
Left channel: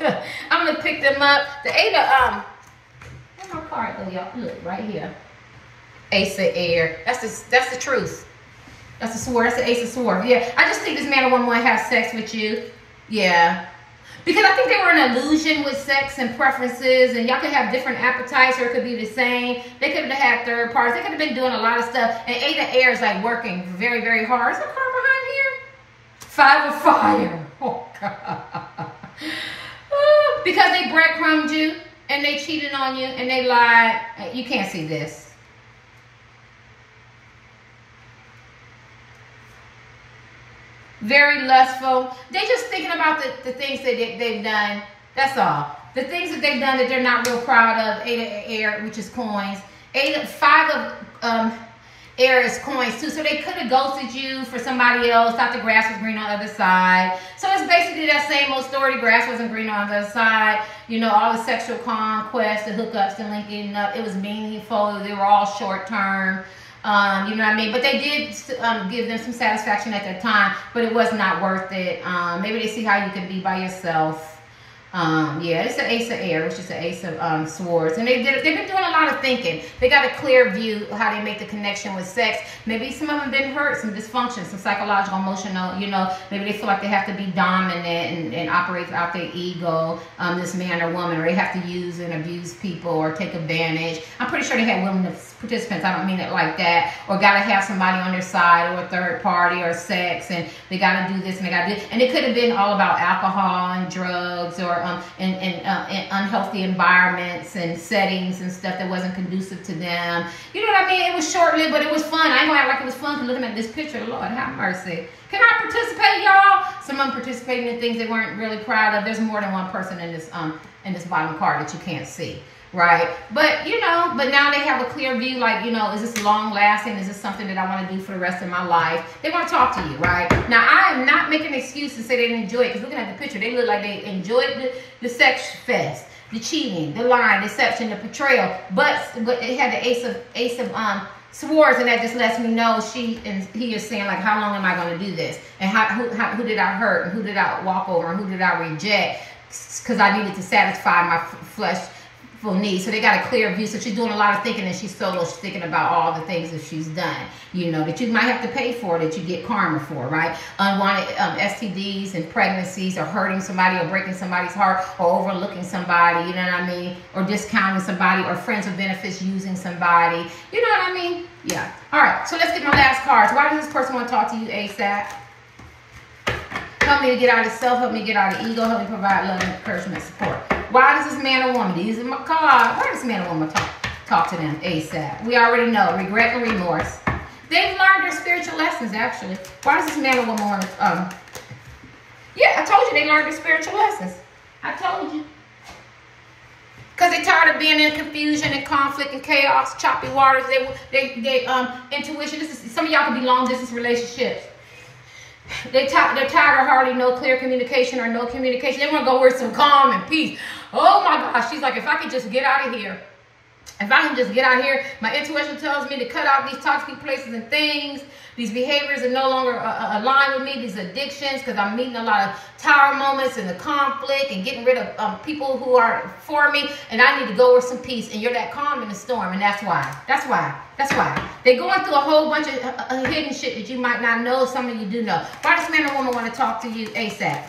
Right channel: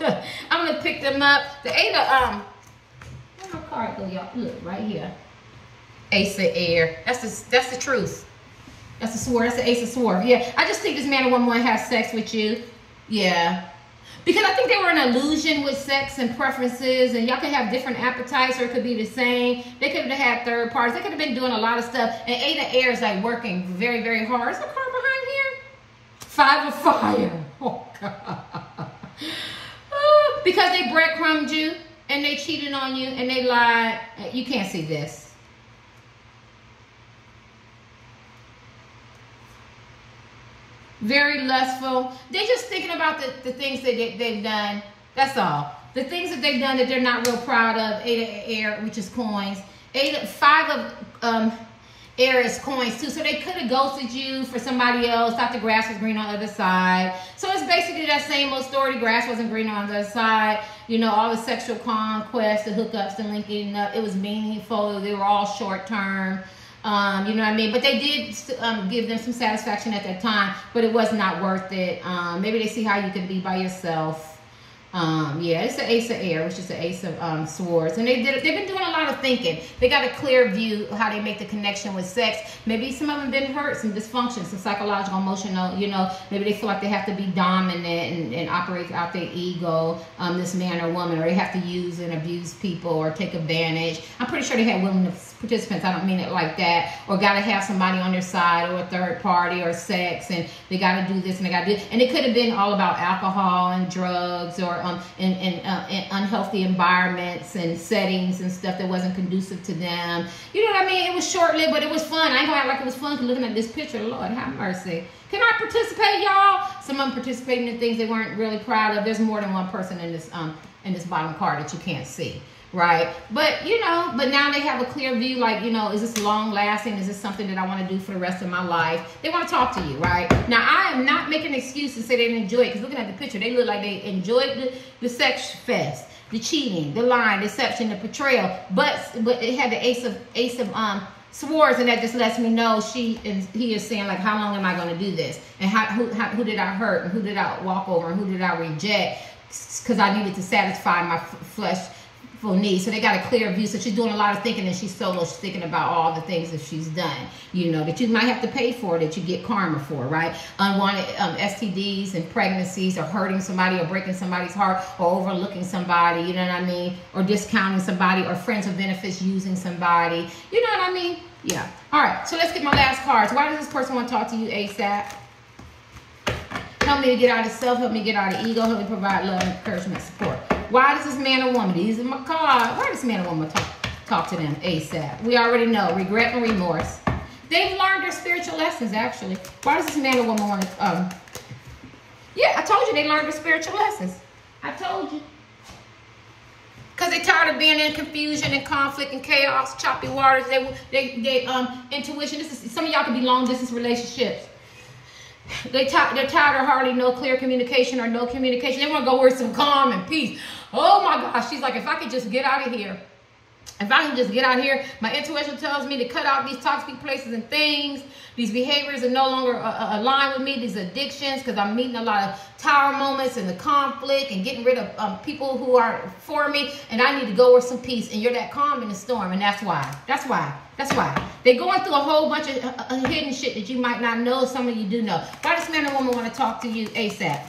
gosh. I'm going to pick them up. The Eight of, where's my card though, y'all? Look, right here. Ace of Air. That's the truth. That's the sword. That's the Ace of Swords. Yeah, I just think this man or woman want to have sex with you. Yeah. Because I think they were in an illusion with sex and preferences, and y'all could have different appetites, or it could be the same. They could have had third parties. They could have been doing a lot of stuff. And Eight of Air is like working very, very hard. Is there a card behind here? Five of Fire. Oh, God. Because they breadcrumbed you, and they cheated on you, and they lied. You can't see this. Very lustful. They're just thinking about the things that they've done. That's all. The things that they've done that they're not real proud of. Eight of Air, which is coins. Five of Air is coins too. So they could have ghosted you for somebody else. Thought the grass was green on the other side. So it's basically that same old story. The grass wasn't green on the other side. All the sexual conquest, the hookups, the linking up. It was meaningful. They were all short term. You know what I mean? But they did give them some satisfaction at that time, but it was not worth it. Maybe they see how you can be by yourself. Yeah, it's the Ace of Air, which is the Ace of Swords. And they've been doing a lot of thinking. They got a clear view of how they make the connection with sex. Maybe some of them been hurt, some dysfunction, some psychological, emotional, you know, maybe they feel like they have to be dominant and operate out their ego, this man or woman, or they have to use and abuse people or take advantage. I'm pretty sure they had women participants, I don't mean it like that, or got to have somebody on their side or a third party or sex, and they got to do this and they got to do, and it could have been all about alcohol and drugs or in unhealthy environments and settings and stuff that wasn't conducive to them. You know what I mean? It was short-lived, but it was fun. I ain't gonna act like it was fun looking at this picture. Lord have mercy. Can I participate, y'all? Some of them participating in things they weren't really proud of. There's more than one person in this bottom card that you can't see. Right? But, you know, but now they have a clear view, like, you know, is this long lasting? Is this something that I want to do for the rest of my life? They want to talk to you, right? Now, I am not making an excuse to say they didn't enjoy it, because looking at the picture, they look like they enjoyed the sex fest, the cheating, the lying, deception, the betrayal. But it had the Ace of Swords, and that just lets me know he is saying, like, how long am I going to do this? And who did I hurt? And who did I walk over? And who did I reject? Because I needed to satisfy my flesh needs. So they got a clear view. So she's doing a lot of thinking, and she's solo thinking about all the things that she's done, you know, that you might have to pay for, that you get karma for, right? Unwanted STDs and pregnancies, or hurting somebody, or breaking somebody's heart, or overlooking somebody, you know what I mean? Or discounting somebody, or friends with benefits using somebody, you know what I mean? Yeah. All right, so let's get my last cards. Why does this person want to talk to you ASAP? Help me to get out of self, help me get out of ego, help me provide love, encouragement, support. Why does this man or woman, these are my cards, why does this man or woman talk to them ASAP? We already know, regret and remorse. They've learned their spiritual lessons, actually. Why does this man or woman want to, yeah, I told you they learned their spiritual lessons. I told you. Because they're tired of being in confusion and conflict and chaos, choppy waters. They intuition, some of y'all could be long distance relationships. They're tired of hardly no clear communication or no communication. They want to go where some calm and peace. Oh my gosh, she's like, if I could just get out of here. If I can just get out here, my intuition tells me to cut out these toxic places and things. These behaviors are no longer aligned with me, these addictions, because I'm meeting a lot of tower moments and the conflict and getting rid of people who are for me. And I need to go with some peace. And you're that calm in the storm. And that's why. That's why. That's why. They're going through a whole bunch of hidden shit that you might not know. Some of you do know. Why does man or woman want to talk to you ASAP?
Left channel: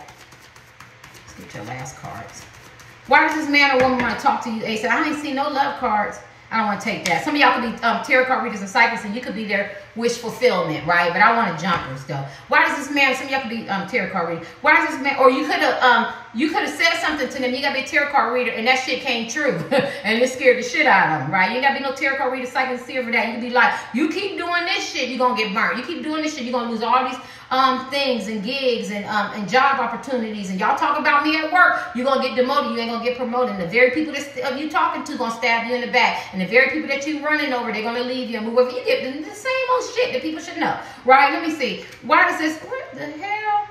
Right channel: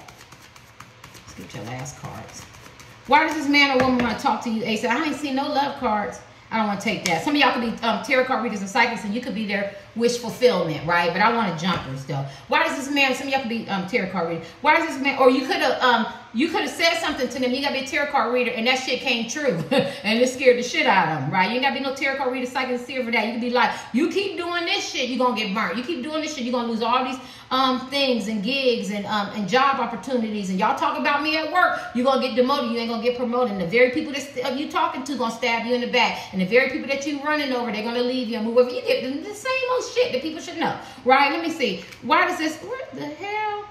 Let's get your last cards. Why does this man or woman want to talk to you ASAP? I ain't seen no love cards. I don't want to take that. Some of y'all could be tarot card readers and psychics, and you could be their wish fulfillment, right? But I want jumpers, though. Why does this man, some of y'all could be tarot card readers. Why does this man, or you could have said something to them, you got to be a tarot card reader, and that shit came true. And it scared the shit out of them, right? You ain't got to be no tarot card reader, psychic, seer for that. You can be like, you keep doing this shit, you're going to get burnt. You keep doing this shit, you're going to lose all these things and gigs and job opportunities. And y'all talk about me at work, you're going to get demoted, you ain't going to get promoted. And the very people that you talking to going to stab you in the back. And the very people that you running over, they're going to leave you and move over. You get the same old shit that people should know, right? Let me see. Why does this, what the hell?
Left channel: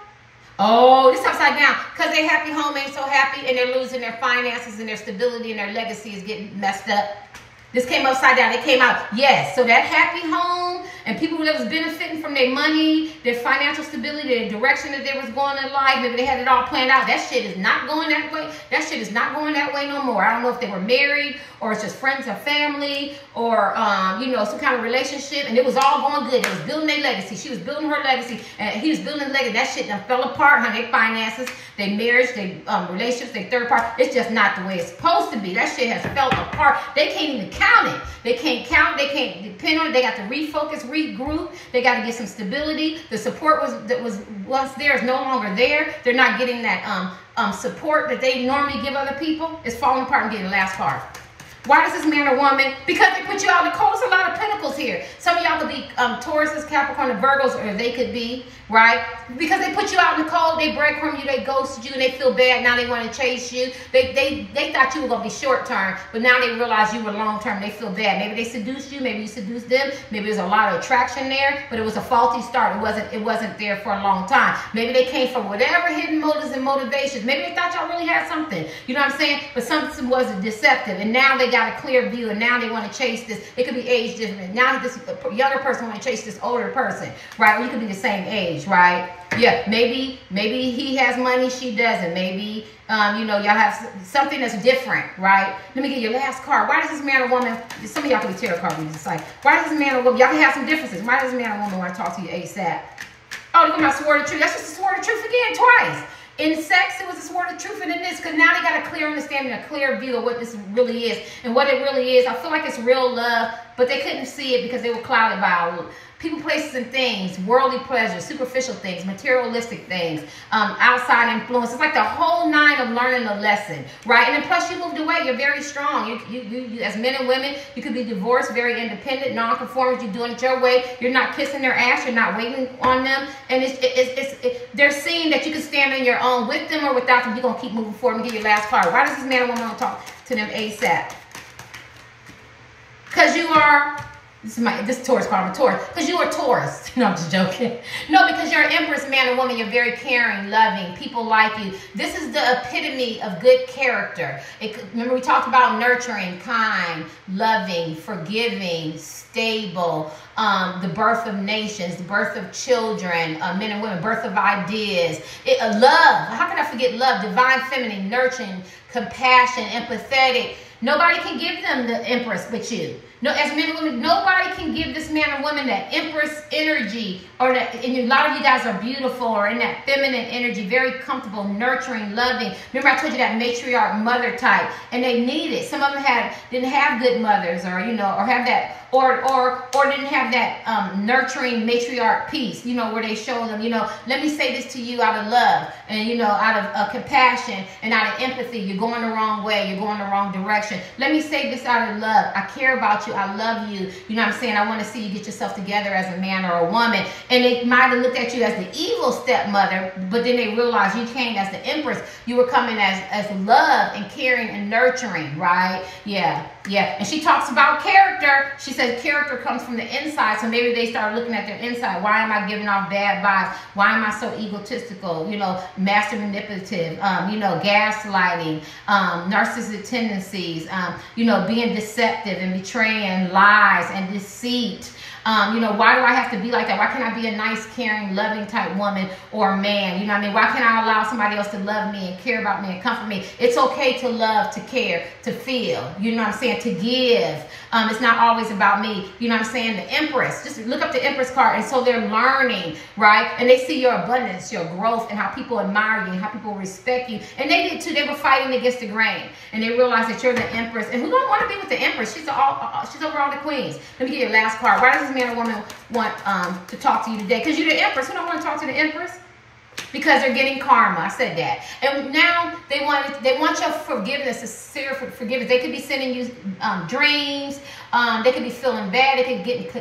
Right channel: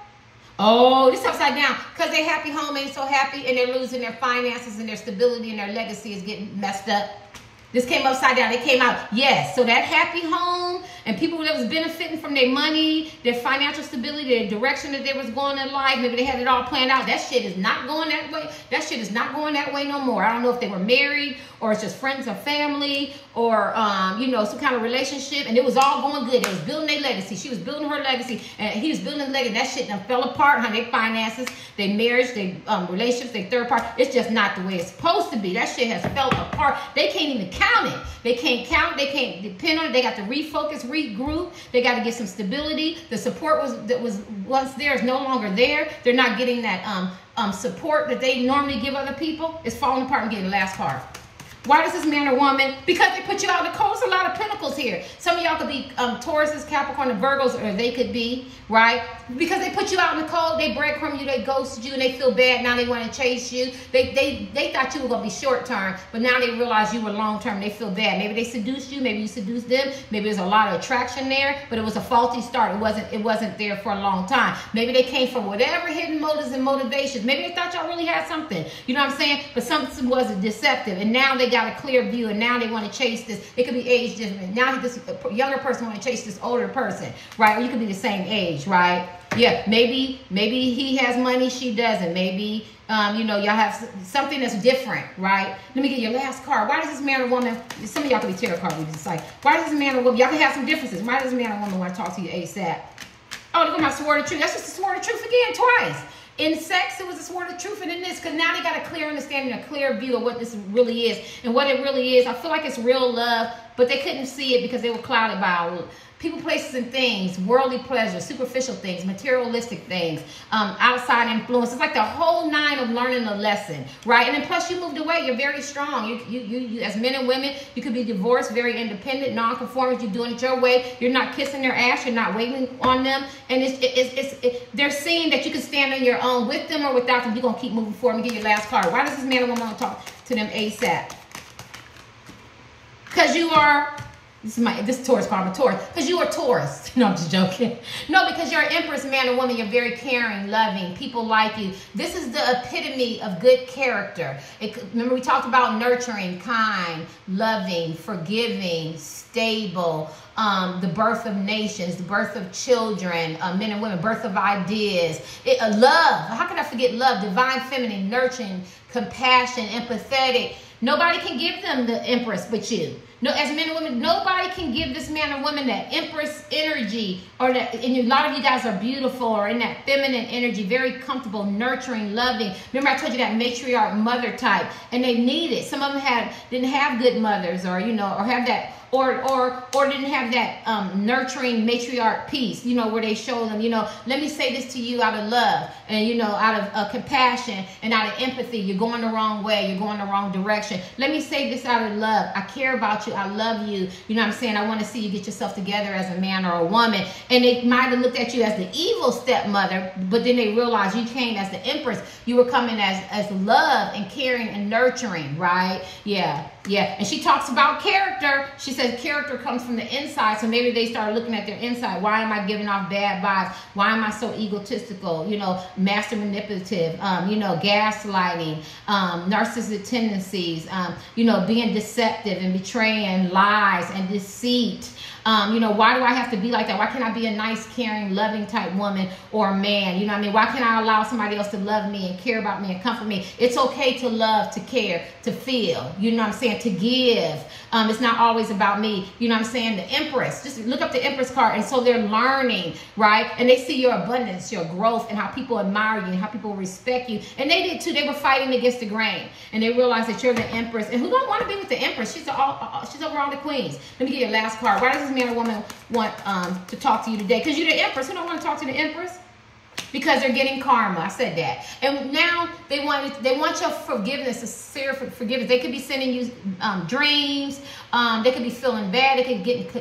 Oh, this upside down. Because their happy home ain't so happy, and they're losing their finances, and their stability and their legacy is getting messed up. This came upside down. It came out, yes. So that happy home and people that was benefiting from their money, their financial stability, their direction that they was going in life, maybe they had it all planned out. That shit is not going that way. That shit is not going that way no more. I don't know if they were married or it's just friends or family or, you know, some kind of relationship. And it was all going good. It was building their legacy. She was building her legacy and he was building his legacy. That shit done fell apart, honey. Their finances, their marriage, their relationships, their third party. It's just not the way it's supposed to be. That shit has fell apart. They can't even count it. They can't count. They can't depend on it. They got to refocus, regroup. They got to get some stability. The support that was once there is no longer there. They're not getting that support that they normally give other people. It's falling apart and getting the last part. Why does this man or woman? Because they put you out in the cold. There's a lot of pentacles here. Some of y'all could be Tauruses, Capricorn, and Virgos, or they could be, right? Because they put you out in the cold, they breadcrumb you, they ghosted you, and they feel bad. Now they want to chase you. They thought you were going to be short term, but now they realize you were long term. They feel bad. Maybe they seduced you. Maybe you seduced them. Maybe there's a lot of attraction there, but it was a faulty start. It wasn't there for a long time. Maybe they came from whatever hidden motives and motivations. Maybe they thought y'all really had something. You know what I'm saying? But something was deceptive, and now they got a clear view, and now they want to chase this. It could be age different. Now this younger person want to chase this older person, right? Or you could be the same age, right? Yeah, maybe he has money, she doesn't. Maybe, you know, y'all have something that's different, right? Let me get your last card. Why does this man or woman, some of y'all can be tarot card readers, it's like, why does this man or woman, y'all can have some differences. Why does this man or woman want to talk to you ASAP? Oh, look at my sword of truth. That's just the sword of truth again, twice. In sex, it was a sword of truth, and in this, because now they got a clear understanding, a clear view of what this really is and what it really is. I feel like it's real love, but they couldn't see it because they were clouded by people, places, and things, worldly pleasures, superficial things, materialistic things, outside influence. It's like the whole nine of learning a lesson, right? And then plus you moved away. You're very strong. You as men and women, you could be divorced, very independent, non-conformist. You're doing it your way. You're not kissing their ass. You're not waiting on them. And they're seeing that you can stand on your own with them or without them. You're going to keep moving forward and get your last card. Why does this man or woman want to talk to them ASAP? Because you are... This Taurus card, I'm a Taurus. Because you are Taurus. No, I'm just joking. No, because you're an Empress, man or woman. You're very caring, loving. People like you. This is the epitome of good character. Remember we talked about nurturing, kind, loving, forgiving, stable, the birth of nations, the birth of children, men and women, birth of ideas. Love. How can I forget love? Divine feminine, nurturing, compassion, empathetic. Nobody can give them the Empress but you. No, as men and women, nobody can give this man or woman that Empress energy, or that, and a lot of you guys are beautiful or in that feminine energy, very comfortable, nurturing, loving. Remember I told you that matriarch mother type, and they need it. Some of them didn't have good mothers, or, you know, or have that, or didn't have that nurturing matriarch piece, you know, where they show them, you know, let me say this to you out of love, and, you know, out of compassion and out of empathy. You're going the wrong way. You're going the wrong direction. Let me say this out of love. I care about you. I love you. You know what I'm saying? I want to see you get yourself together as a man or a woman. And they might have looked at you as the evil stepmother, but then they realized you came as the Empress. You were coming as love and caring and nurturing, right? Yeah. Yeah, and she talks about character. She says character comes from the inside. So maybe they start looking at their inside. Why am I giving off bad vibes? Why am I so egotistical? You know, master manipulative, you know, gaslighting, narcissistic tendencies, you know, being deceptive and betraying, lies and deceit. You know, why do I have to be like that? Why can't I be a nice, caring, loving type woman or man? You know what I mean? Why can't I allow somebody else to love me and care about me and comfort me? It's okay to love, to care, to feel. You know what I'm saying? To give. It's not always about me. You know what I'm saying? The Empress. Just look up the Empress card. And so they're learning, right? And they see your abundance, your growth, and how people admire you and how people respect you. And they did too. They were fighting against the grain. And they realized that you're the Empress. And who don't want to be with the Empress? She's over all the queens. Let me get your last card. Why does this man or woman want to talk to you today? Because you're the Empress. Who don't want to talk to the Empress? Because they're getting karma. I said that. And now they want your forgiveness, sincere forgiveness. They could be sending you dreams. They could be feeling bad. They could get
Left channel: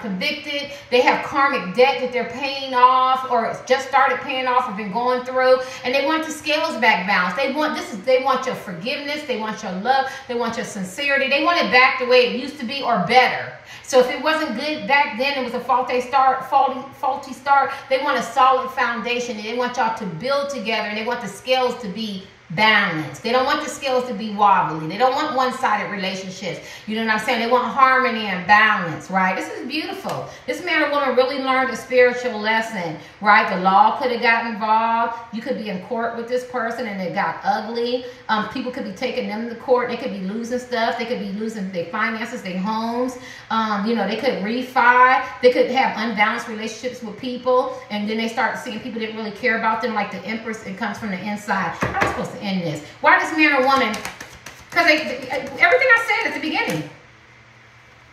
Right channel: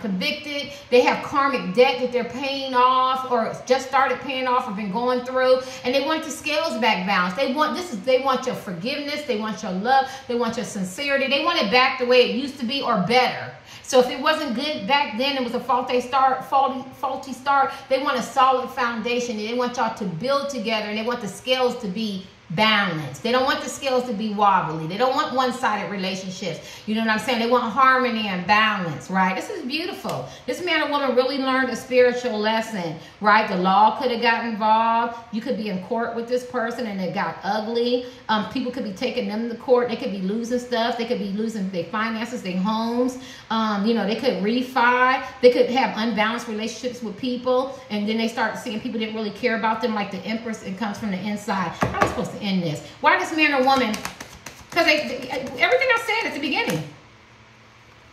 convicted. They have karmic debt that they're paying off, or just started paying off, or been going through. And they want the scales back balanced. They want your forgiveness. They want your love. They want your sincerity. They want it back the way it used to be, or better. So if it wasn't good back then, it was a faulty start, they want a solid foundation. They want y'all to build together, and they want the scales to be balanced. They don't want the scales to be wobbly. They don't want one-sided relationships. You know what I'm saying? They want harmony and balance, right? This is beautiful. This man or woman really learned a spiritual lesson, right? The law could have got involved. You could be in court with this person and it got ugly. People could be taking them to court. They could be losing stuff. They could be losing their finances, their homes. You know, they could refi. They could have unbalanced relationships with people. And then they start seeing people didn't really care about them, like the Empress. It comes from the inside. How am I supposed to end this? Why this man or woman? Because everything I said at the beginning.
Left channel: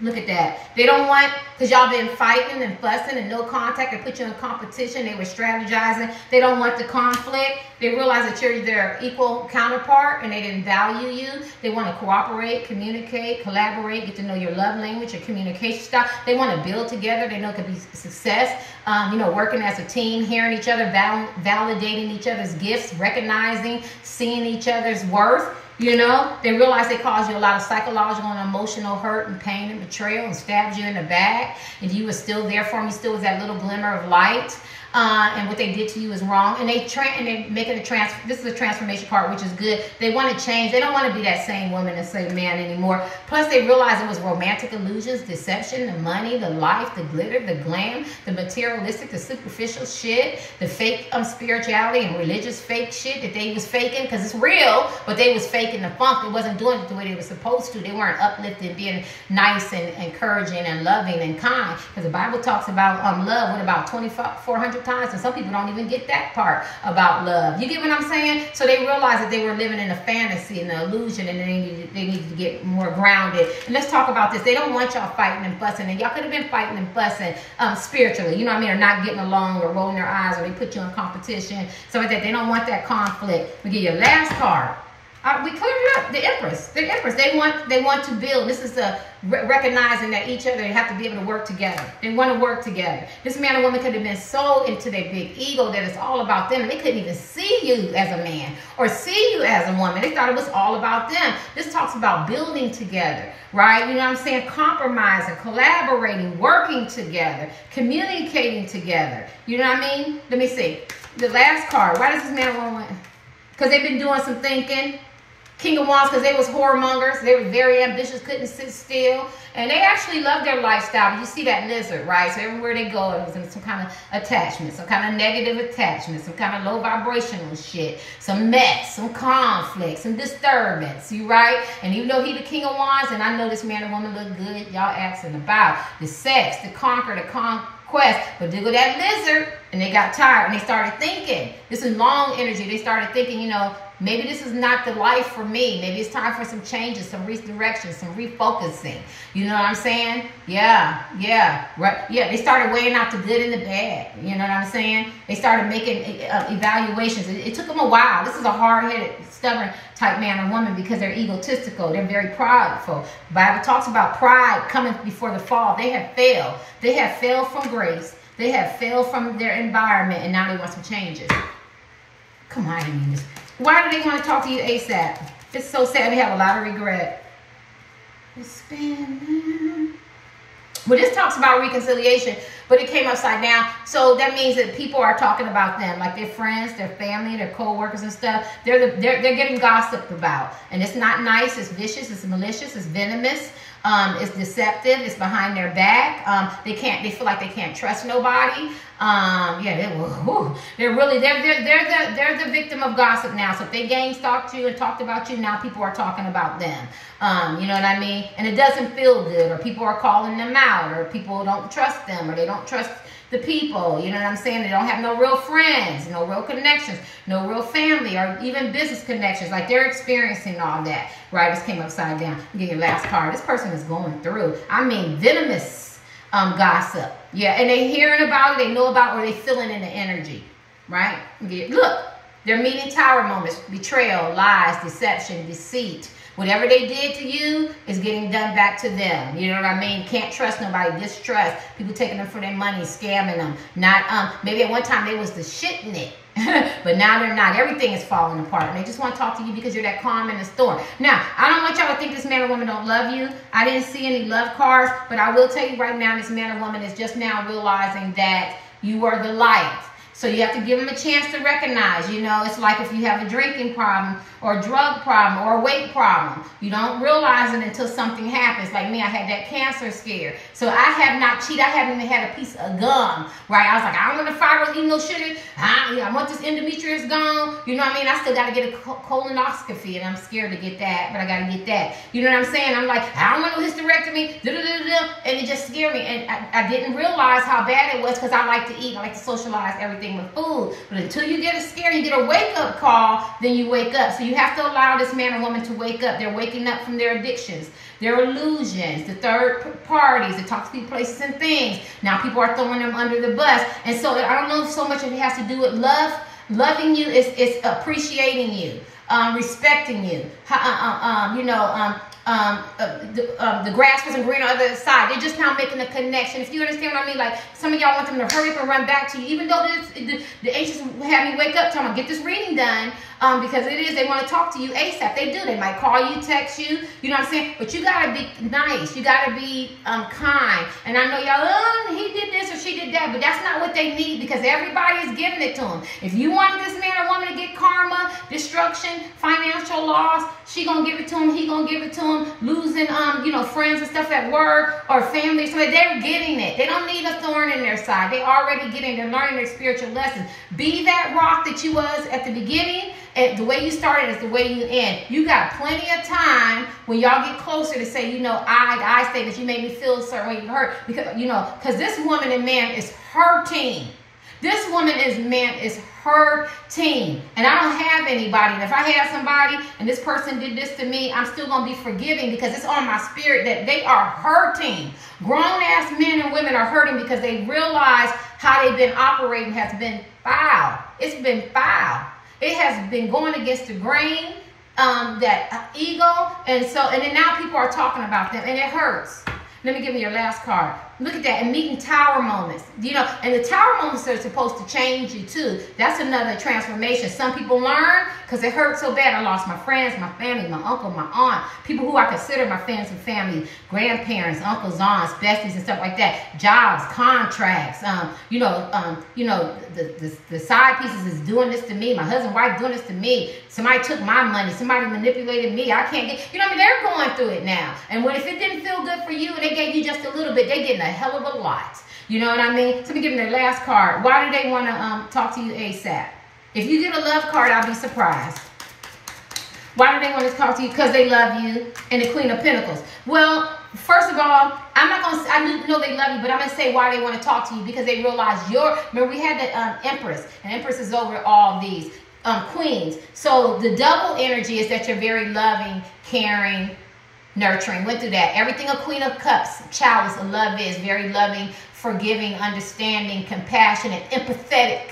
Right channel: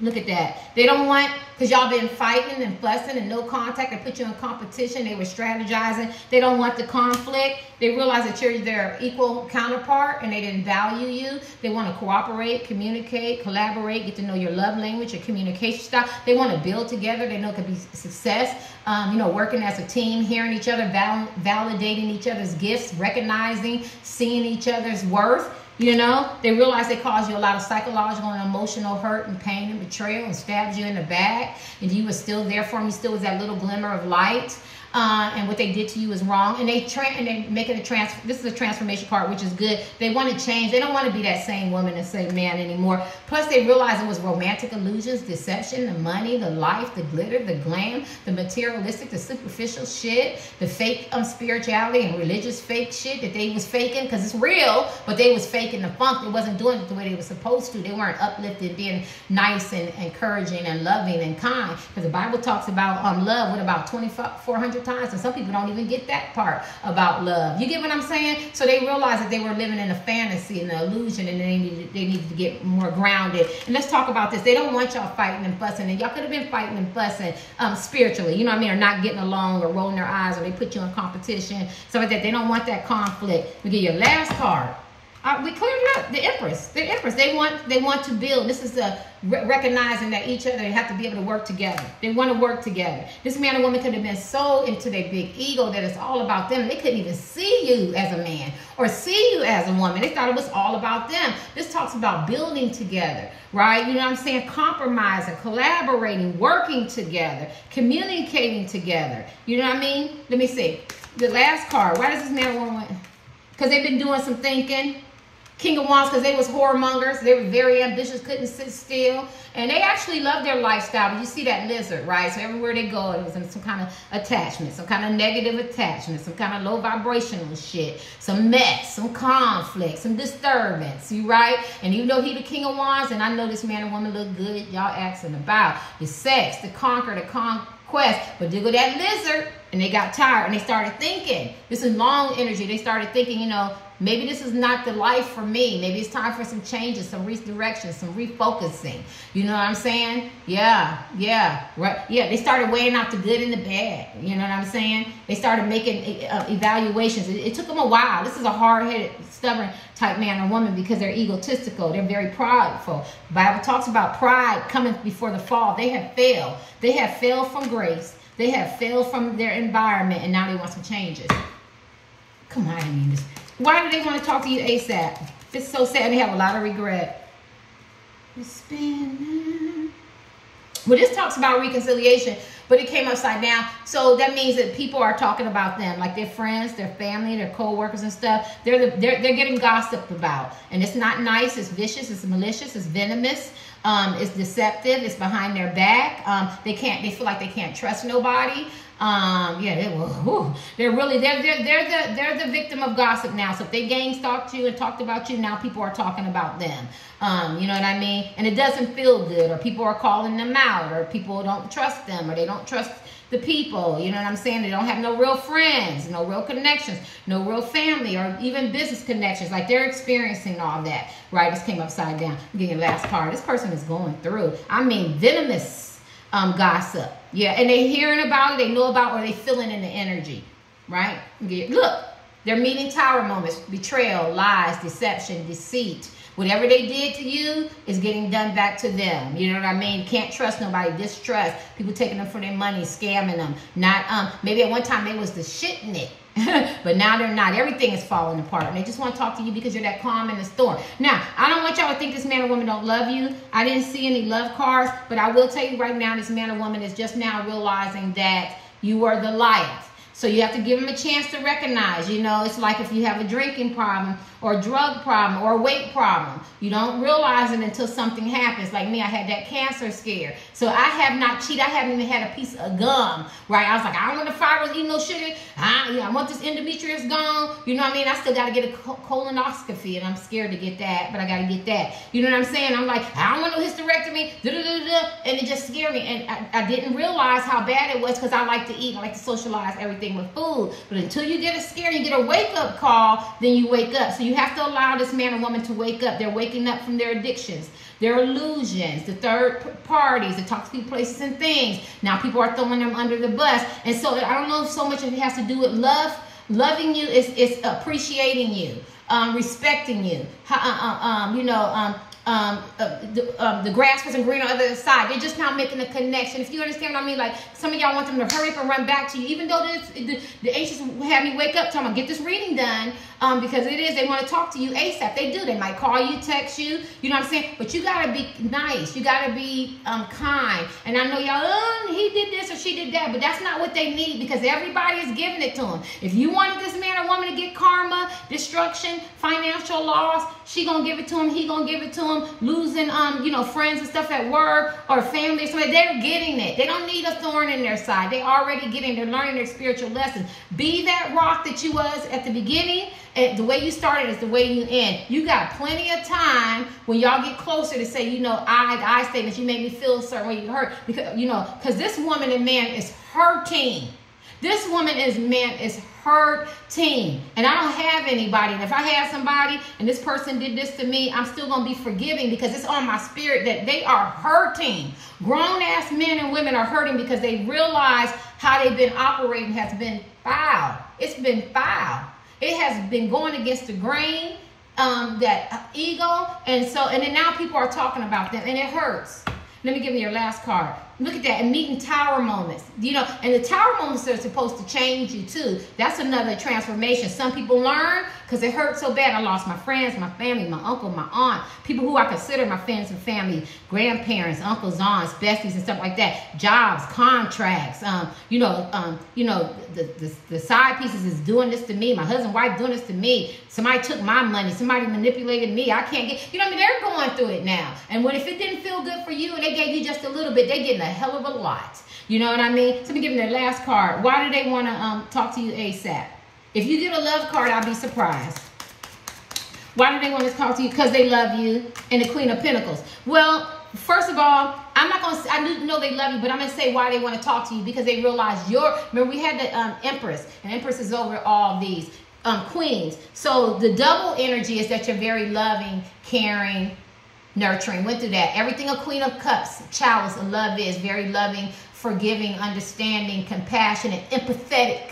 Look at that. They don't want, because y'all been fighting and fussing and no contact. They put you in competition. They were strategizing. They don't want the conflict. They realize that you're their equal counterpart and they didn't value you. They want to cooperate, communicate, collaborate, get to know your love language, your communication style. They want to build together. They know it could be success. You know, working as a team, hearing each other, validating each other's gifts, recognizing, seeing each other's worth. You know, they realize they cause you a lot of psychological and emotional hurt and pain and betrayal and stabbed you in the back. And you were still there for me, still was that little glimmer of light. and what they did to you is wrong, and they making a transfer. This is a transformation part, which is good. They want to change. They don't want to be that same woman and same man anymore. Plus, they realize it was romantic illusions, deception, the money, the life, the glitter, the glam, the materialistic, the superficial shit, the fake spirituality and religious fake shit that they was faking, because it's real, but they was faking the funk. It wasn't doing it the way they were supposed to. They weren't uplifting, being nice and encouraging and loving and kind, because the Bible talks about love with about 2,400 times, and some people don't even get that part about love. You get what I'm saying? So they realized that they were living in a fantasy and the illusion, and they needed to get more grounded. And let's talk about this. They don't want y'all fighting and fussing, and y'all could have been fighting and fussing spiritually, you know what I mean, or not getting along, or rolling their eyes, or they put you in competition, so like that. They don't want that conflict. We get your last card. We cleared it up. The Empress. The Empress. They want to build. This is the recognizing that each other have to be able to work together. They want to work together. This man or woman could have been so into their big ego that it's all about them. They couldn't even see you as a man or see you as a woman. They thought it was all about them. This talks about building together, right? You know what I'm saying? Compromising, collaborating, working together, communicating together. You know what I mean? Let me see. The last card. Why does this man or woman? Because they've been doing some thinking. King of Wands, because they was whoremongers. They were very ambitious, couldn't sit still. And they actually loved their lifestyle. But you see that lizard, right? So everywhere they go, it was in some kind of attachment, some kind of negative attachment, some kind of low vibrational shit, some mess, some conflict, some disturbance, you right? And even though he the King of Wands, and I know this man and woman look good, y'all asking about the sex, the conquer, the conquest, but they go that lizard, and they got tired, and they started thinking. This is long energy. They started thinking, you know, maybe this is not the life for me. Maybe it's time for some changes, some redirection, some refocusing. You know what I'm saying? Yeah, right. Yeah, they started weighing out the good and the bad. You know what I'm saying? They started making evaluations. It took them a while. This is a hard-headed, stubborn type man or woman because they're egotistical. They're very prideful. The Bible talks about pride coming before the fall. They have failed. They have failed from grace. They have failed from their environment, and now they want some changes. Come on, I mean this. Why do they want to talk to you ASAP? It's so sad. They have a lot of regret. Well, this talks about reconciliation, but it came upside down. So that means that people are talking about them, like their friends, their family, their co-workers and stuff. They're getting gossiped about. And it's not nice. It's vicious. It's malicious. It's venomous. It's deceptive. It's behind their back. They feel like they can't trust nobody. They're the victim of gossip now. So if they gang stalked you and talked about you, now people are talking about them. You know what I mean? And it doesn't feel good, or people are calling them out, or people don't trust them, or they don't trust the people. You know what I'm saying? They don't have no real friends, no real connections, no real family, or even business connections. Like they're experiencing all that. Right? This came upside down. I'm getting the last card. This person is going through, I mean, venomous gossip. Yeah, and they hearing about it, they know about it, or they feeling in the energy, right? Look, they're meeting tower moments, betrayal, lies, deception, deceit. Whatever they did to you is getting done back to them. You know what I mean? Can't trust nobody, distrust. People taking them for their money, scamming them. Not maybe at one time they was the shit in it. But now they're not. Everything is falling apart. And they just want to talk to you because you're that calm in the storm. Now, I don't want y'all to think this man or woman don't love you. I didn't see any love cards. But I will tell you right now, this man or woman is just now realizing that you are the light. So you have to give them a chance to recognize, you know, it's like if you have a drinking problem or a drug problem or a weight problem. You don't realize it until something happens. Like me, I had that cancer scare. So I have not cheated. I haven't even had a piece of gum, right? I was like, I don't want to fight or eat no sugar. I want this endometrius gone. You know what I mean? I still got to get a colonoscopy, and I'm scared to get that, but I got to get that. You know what I'm saying? I'm like, I don't want no hysterectomy, and it just scared me. And I didn't realize how bad it was because I like to eat. I like to socialize everything with food. But until you get a scare, you get a wake-up call, then you wake up. So you have to allow this man or woman to wake up. They're waking up from their addictions, their illusions, the third parties, the toxic places and things. Now people are throwing them under the bus. And so I don't know so much if it has to do with love. Loving you is appreciating you, respecting you, the grass wasn't green on the other side. They're just now making a connection. If you understand what I mean, like some of y'all want them to hurry up and run back to you, even though the angels have me wake up, talking about get this reading done, because it is, they want to talk to you ASAP. They do. They might call you, text you, you know what I'm saying? But you got to be nice. You got to be kind. And I know y'all, he did this or she did that, but that's not what they need, because everybody is giving it to them. If you want this man or woman to get karma, destruction, financial loss, she gonna give it to him, he gonna give it to him, losing you know, friends and stuff at work or family, so they're getting it. They don't need a thorn in their side. They already getting, they're learning their spiritual lessons. Be that rock that you was at the beginning, and the way you started is the way you end. You got plenty of time when y'all get closer to say, you know, I statements, you made me feel a certain way, you hurt, because, you know, because this woman and man is hurting. This woman is hurting, and I don't have anybody. And if I have somebody and this person did this to me, I'm still gonna be forgiving, because it's on my spirit that they are hurting. Grown-ass men and women are hurting because they realize how they've been operating has been foul. It's been foul. It has been going against the grain, that ego, and then now people are talking about them, and it hurts. Let me give you your last card. Look at that, and meeting tower moments, you know, and the tower moments are supposed to change you too. That's another transformation. Some people learn because it hurt so bad. I lost my friends, my family, my uncle, my aunt, people who I consider my friends and family, grandparents, uncles, aunts, besties, and stuff like that. Jobs, contracts, you know, the side pieces is doing this to me. My husband, wife doing this to me. Somebody took my money. Somebody manipulated me. I can't get, you know what I mean? They're going through it now. And if it didn't feel good for you and they gave you just a little bit, they getting a hell of a lot. You know what I mean? So let me give them their last card. Why do they want to talk to you ASAP? If you get a love card, I'll be surprised. Why do they want to talk to you? Because they love you. And the Queen of Pentacles. Well, first of all, I'm not going to say, I know they love you, but I'm going to say why they want to talk to you. Because they realize remember we had the Empress. And Empress is over all these queens. So the double energy is that you're very loving, caring, nurturing. Went through that. Everything a Queen of Cups, chalice of love is. Very loving, forgiving, understanding, compassionate, empathetic.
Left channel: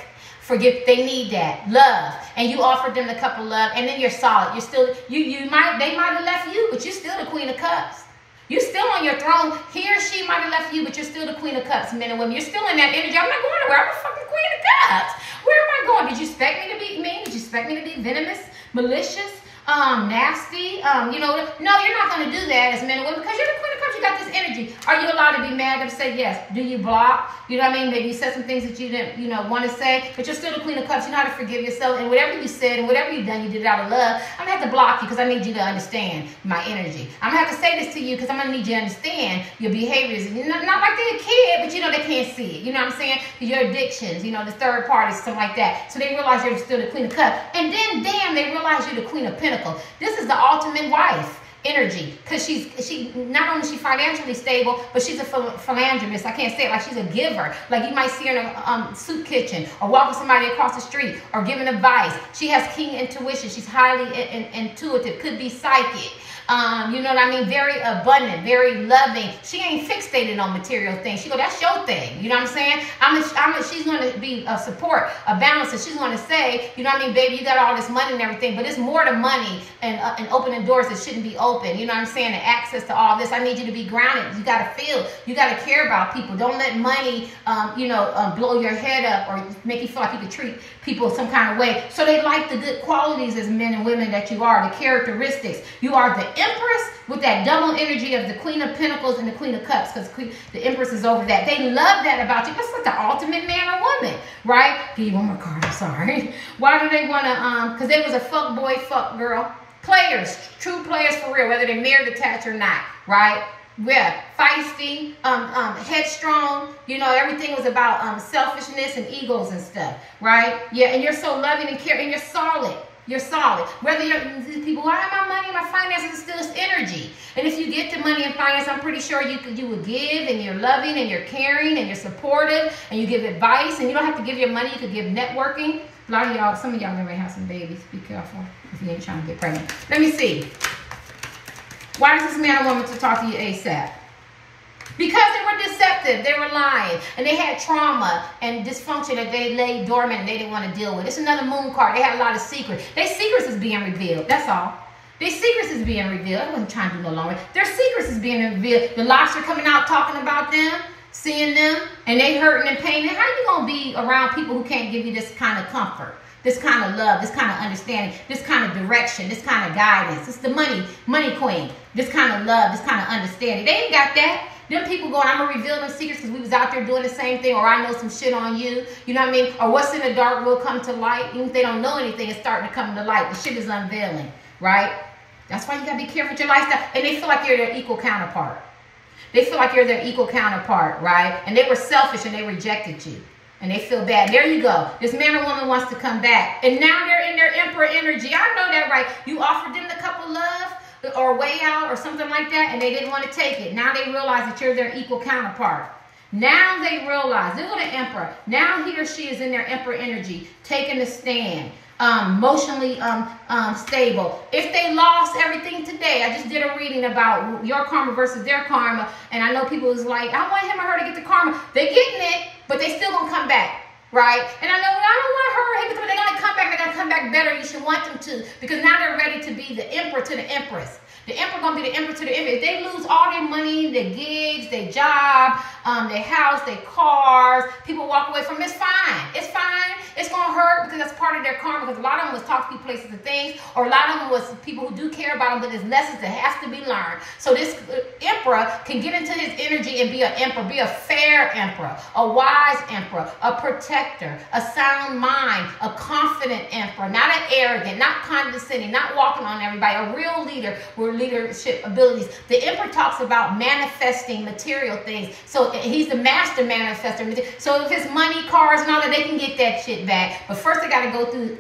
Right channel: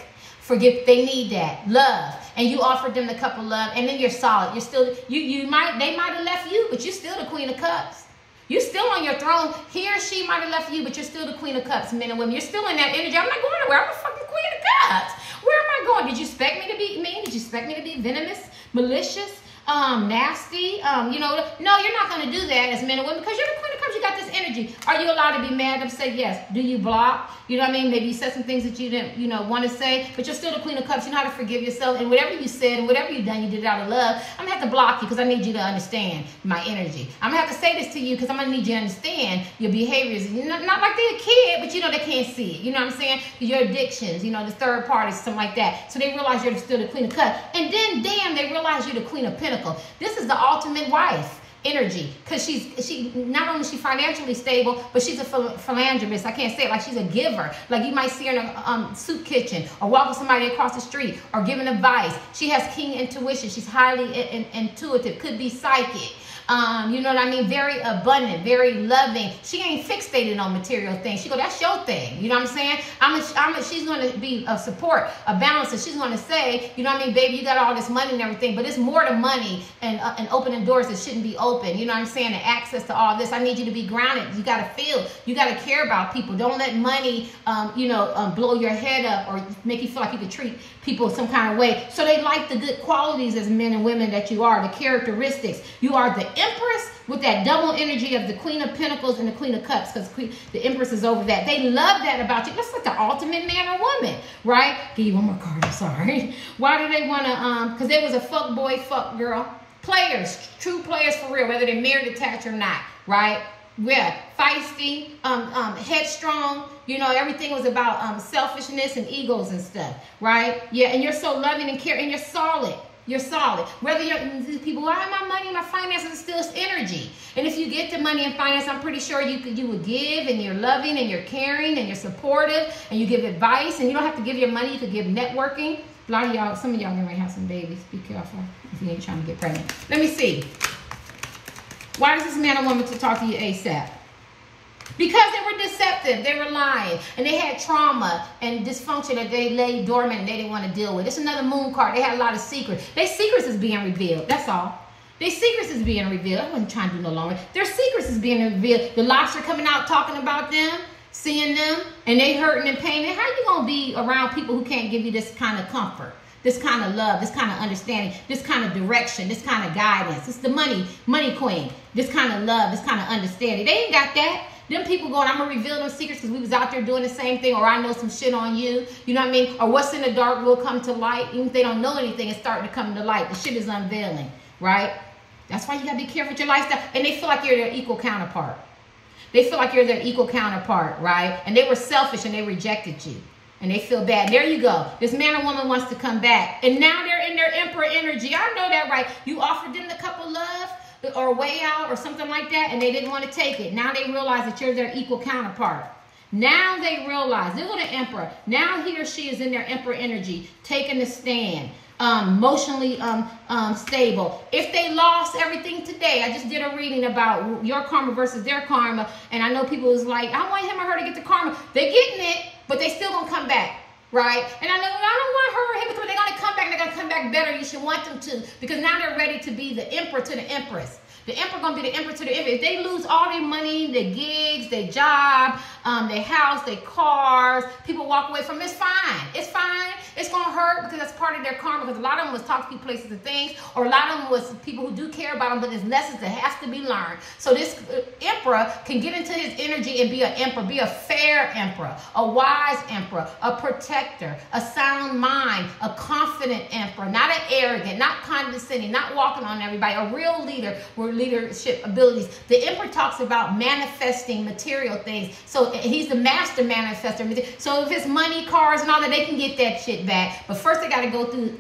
Forgive. They need that. Love. And you offered them the cup of love. And then you're solid. You're still, they might have left you, but you're still the Queen of Cups. You're still on your throne. He or she might have left you, but you're still the Queen of Cups, men and women. You're still in that energy. I'm not going nowhere. I'm the fucking Queen of Cups. Where am I going? Did you expect me to be mean? Did you expect me to be venomous, malicious, nasty? You know, no, you're not going to do that as men and women, because you're the Queen of Cups. You got this energy. Are you allowed to be mad and say yes? Do you block? You know what I mean? Maybe you said some things that you didn't, you know, want to say, but you're still the Queen of Cups. You know how to forgive yourself, and whatever you said and whatever you've done, you did it out of love. I'm going to have to block you because I need you to understand my energy. I'm going to have to say this to you because I'm going to need you to understand your behaviors. And not like they're a kid, but you know, they can't see it. You know what I'm saying? Your addictions, you know, the third parties, something like that. So they realize you're still the Queen of Cups. And then, damn, they realize you're the Queen of Pentacles. This is the ultimate wife energy, because she not only is she financially stable, but she's a philanthropist. I can't say it, like she's a giver. Like you might see her in a soup kitchen or walking somebody across the street or giving advice. She has keen intuition. She's highly intuitive, could be psychic. You know what I mean? Very abundant, very loving. She ain't fixated on material things. She go, that's your thing. You know what I'm saying? She's going to be a support, a balance. And she's going to say, you know what I mean, baby, you got all this money and everything, but it's more to money and opening doors that shouldn't be open. You know what I'm saying? And access to all this. I need you to be grounded. You got to feel. You got to care about people. Don't let money, blow your head up or make you feel like you could treat people some kind of way. So they like the good qualities as men and women that you are, the characteristics. You are the Empress with that double energy of the Queen of Pentacles and the Queen of Cups, because the Empress is over that. They love that about you. That's like the ultimate man or woman, right? Give you one more card, I'm sorry. Why do they want to, because there was a fuck boy, fuck girl. Players, true players for real, whether they're married, attached or not, right? Yeah, feisty, headstrong, you know, everything was about selfishness and egos and stuff, right? Yeah, and you're so loving and caring, and you're solid. You're solid. Whether you're, people, why my money, my finances is still energy. And if you get the money and finance, I'm pretty sure you would give, and you're loving, and you're caring, and you're supportive, and you give advice, and you don't have to give your money, you could give networking. A lot of y'all, some of y'all may have some babies. Be careful if you ain't trying to get pregnant. Let me see. Why does this man or woman to talk to you ASAP? Because they were deceptive, they were lying, and they had trauma and dysfunction that they lay dormant and they didn't want to deal with. It's another moon card. They had a lot of secrets. Their secrets is being revealed. That's all. Their secrets is being revealed. I wasn't trying to do no longer. Their secrets is being revealed. The locks are coming out talking about them, seeing them, and they hurting and pain. And how you going to be around people who can't give you this kind of comfort, this kind of love, this kind of understanding, this kind of direction, this kind of guidance? It's the money queen. This kind of love, this kind of understanding. They ain't got that. Them people going, I'm going to reveal them secrets because we was out there doing the same thing, or I know some shit on you. You know what I mean? Or what's in the dark will come to light. Even if they don't know anything, it's starting to come to light. The shit is unveiling, right? That's why you got to be careful with your lifestyle. And they feel like you're their equal counterpart. They feel like you're their equal counterpart, right? And they were selfish and they rejected you. And they feel bad. There you go. This man or woman wants to come back. And now they're in their emperor energy. I know that, right? You offered them the cup of love or a way out or something like that, and they didn't want to take it. Now they realize that you're their equal counterpart. Now they realize, look at the emperor. Now he or she is in their emperor energy, taking a stand, emotionally stable. If they lost everything today, I just did a reading about your karma versus their karma, and I know people is like, I want him or her to get the karma. They're getting it, but they still gonna come back, right? And I know, I don't want her or him to come, they're gonna come back, they're gonna come back better. You should want them to, because now they're ready to be the emperor to the empress. The emperor gonna be the emperor to the emperor. If they lose all their money, their gigs, their job, their house, their cars, people walk away from it, it's fine. It's fine. It's gonna hurt because that's part of their karma. Because a lot of them was talk to people, places, and things, or a lot of them was people who do care about them, but there's lessons that has to be learned. So this emperor can get into his energy and be an emperor, be a fair emperor, a wise emperor, a protector, a sound mind, a confident emperor, not an arrogant, not condescending, not walking on everybody, a real leader with leadership abilities. The emperor talks about manifesting material things. So he's the master manifester. So if his money, cars, and all that, they can get that shit back. But first they got to go through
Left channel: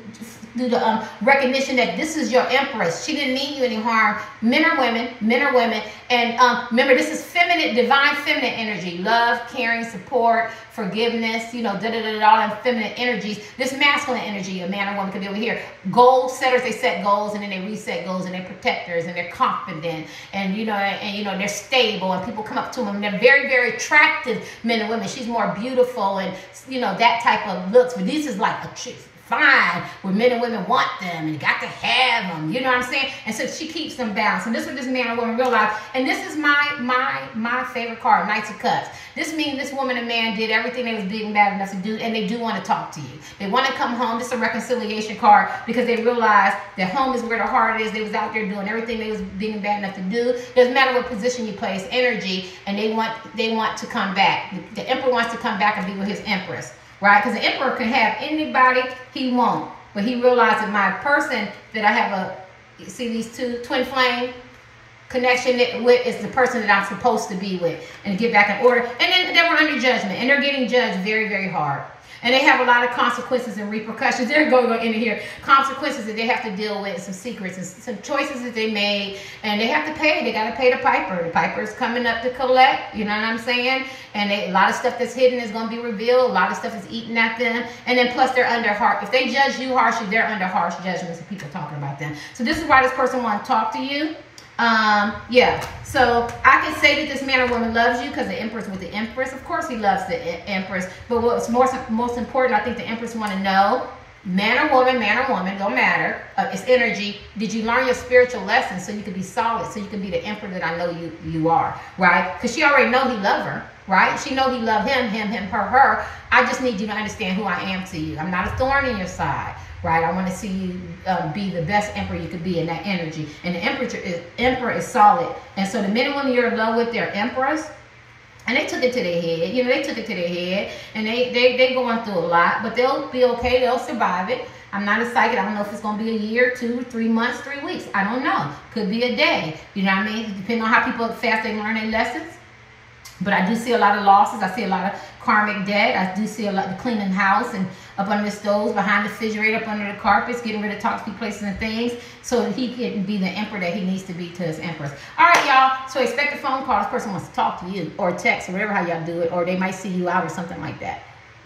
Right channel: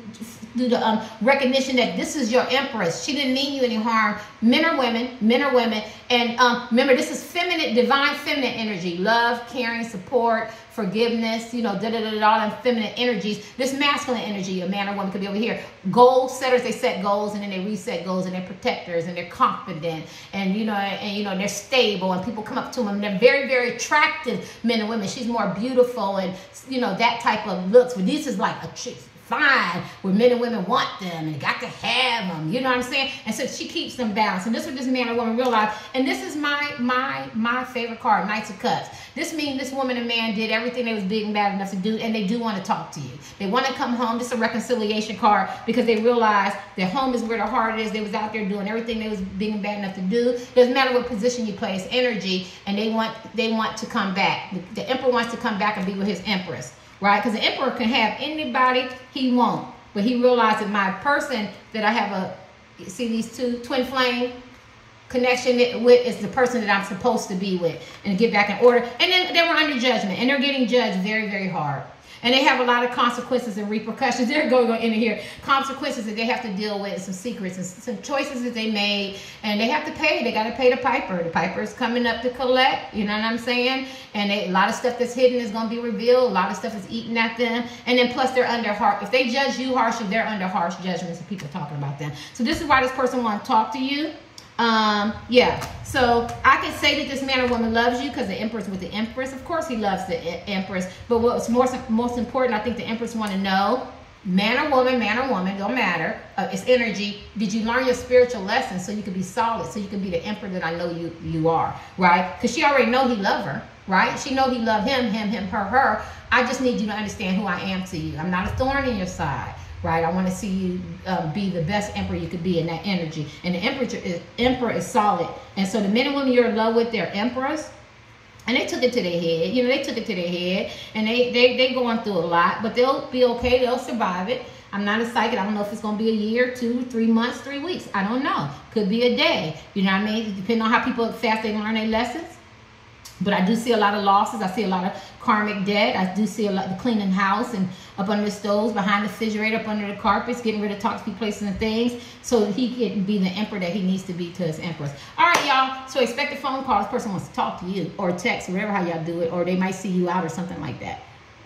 the recognition that this is your empress. She didn't mean you any harm. Men or women. And remember, this is feminine, divine feminine energy. Love, caring, support, forgiveness, you know, all them feminine energies. This masculine energy, a man or woman could be over here. Goal setters, they set goals and then they reset goals, and they're protectors and they're confident and you know they're stable, and people come up to them and they're very, very attractive men and women. She's more beautiful and you know that type of looks. But this is like a truth. Fine, where men and women want them and got to have them, you know what I'm saying? And so she keeps them balanced. And this is what this man or woman realized. And this is my favorite card, Knights of Cups. This means this woman and man did everything they was big and bad enough to do, and they do want to talk to you. They want to come home. This is a reconciliation card because they realized that home is where the heart is. They was out there doing everything they was big and bad enough to do. Doesn't matter what position you play, it's energy, and they want to come back. The emperor wants to come back and be with his empress. Right? Because the emperor can have anybody he wants. But he realized that my person that I have see these two twin flame connection with is the person that I'm supposed to be with and get back in order. And then they were under judgment and they're getting judged very, very hard. And they have a lot of consequences and repercussions. They're going in here. Consequences that they have to deal with, some secrets and some choices that they made. And they have to pay. They got to pay the piper. The piper is coming up to collect. You know what I'm saying? And a lot of stuff that's hidden is going to be revealed. A lot of stuff is eating at them. And then plus they're under harsh. If they judge you harshly, they're under harsh judgments of people talking about them. So this is why this person wants to talk to you. Yeah, so I can say that this man or woman loves you because the empress with the empress. Of course he loves the empress, but what's most important, I think the empress want to know, man or woman, don't matter, it's energy. Did you learn your spiritual lessons so you could be solid, so you can be the emperor that I know you are, right? Because she already know he love her, right? She know he love him, her. I just need you to understand who I am to you. I'm not a thorn in your side. Right, I want to see you be the best emperor you could be in that energy. And the emperor is solid. And so the men and women you're in love with, they're emperors. And they took it to their head. You know, they took it to their head. And they going through a lot. But they'll be okay. They'll survive it. I'm not a psychic. I don't know if it's going to be a year, 2, 3 months, 3 weeks. I don't know. Could be a day. You know what I mean? Depending on how fast they learn their lessons. But I do see a lot of losses. I see a lot of karmic debt. I do see a lot of cleaning house and up under the stoves, behind the refrigerator, up under the carpets, getting rid of toxic places and things so he can be the emperor that he needs to be to his empress. All right, y'all. So expect a phone call. This person wants to talk to you or text or whatever how y'all do it, or they might see you out or something like that.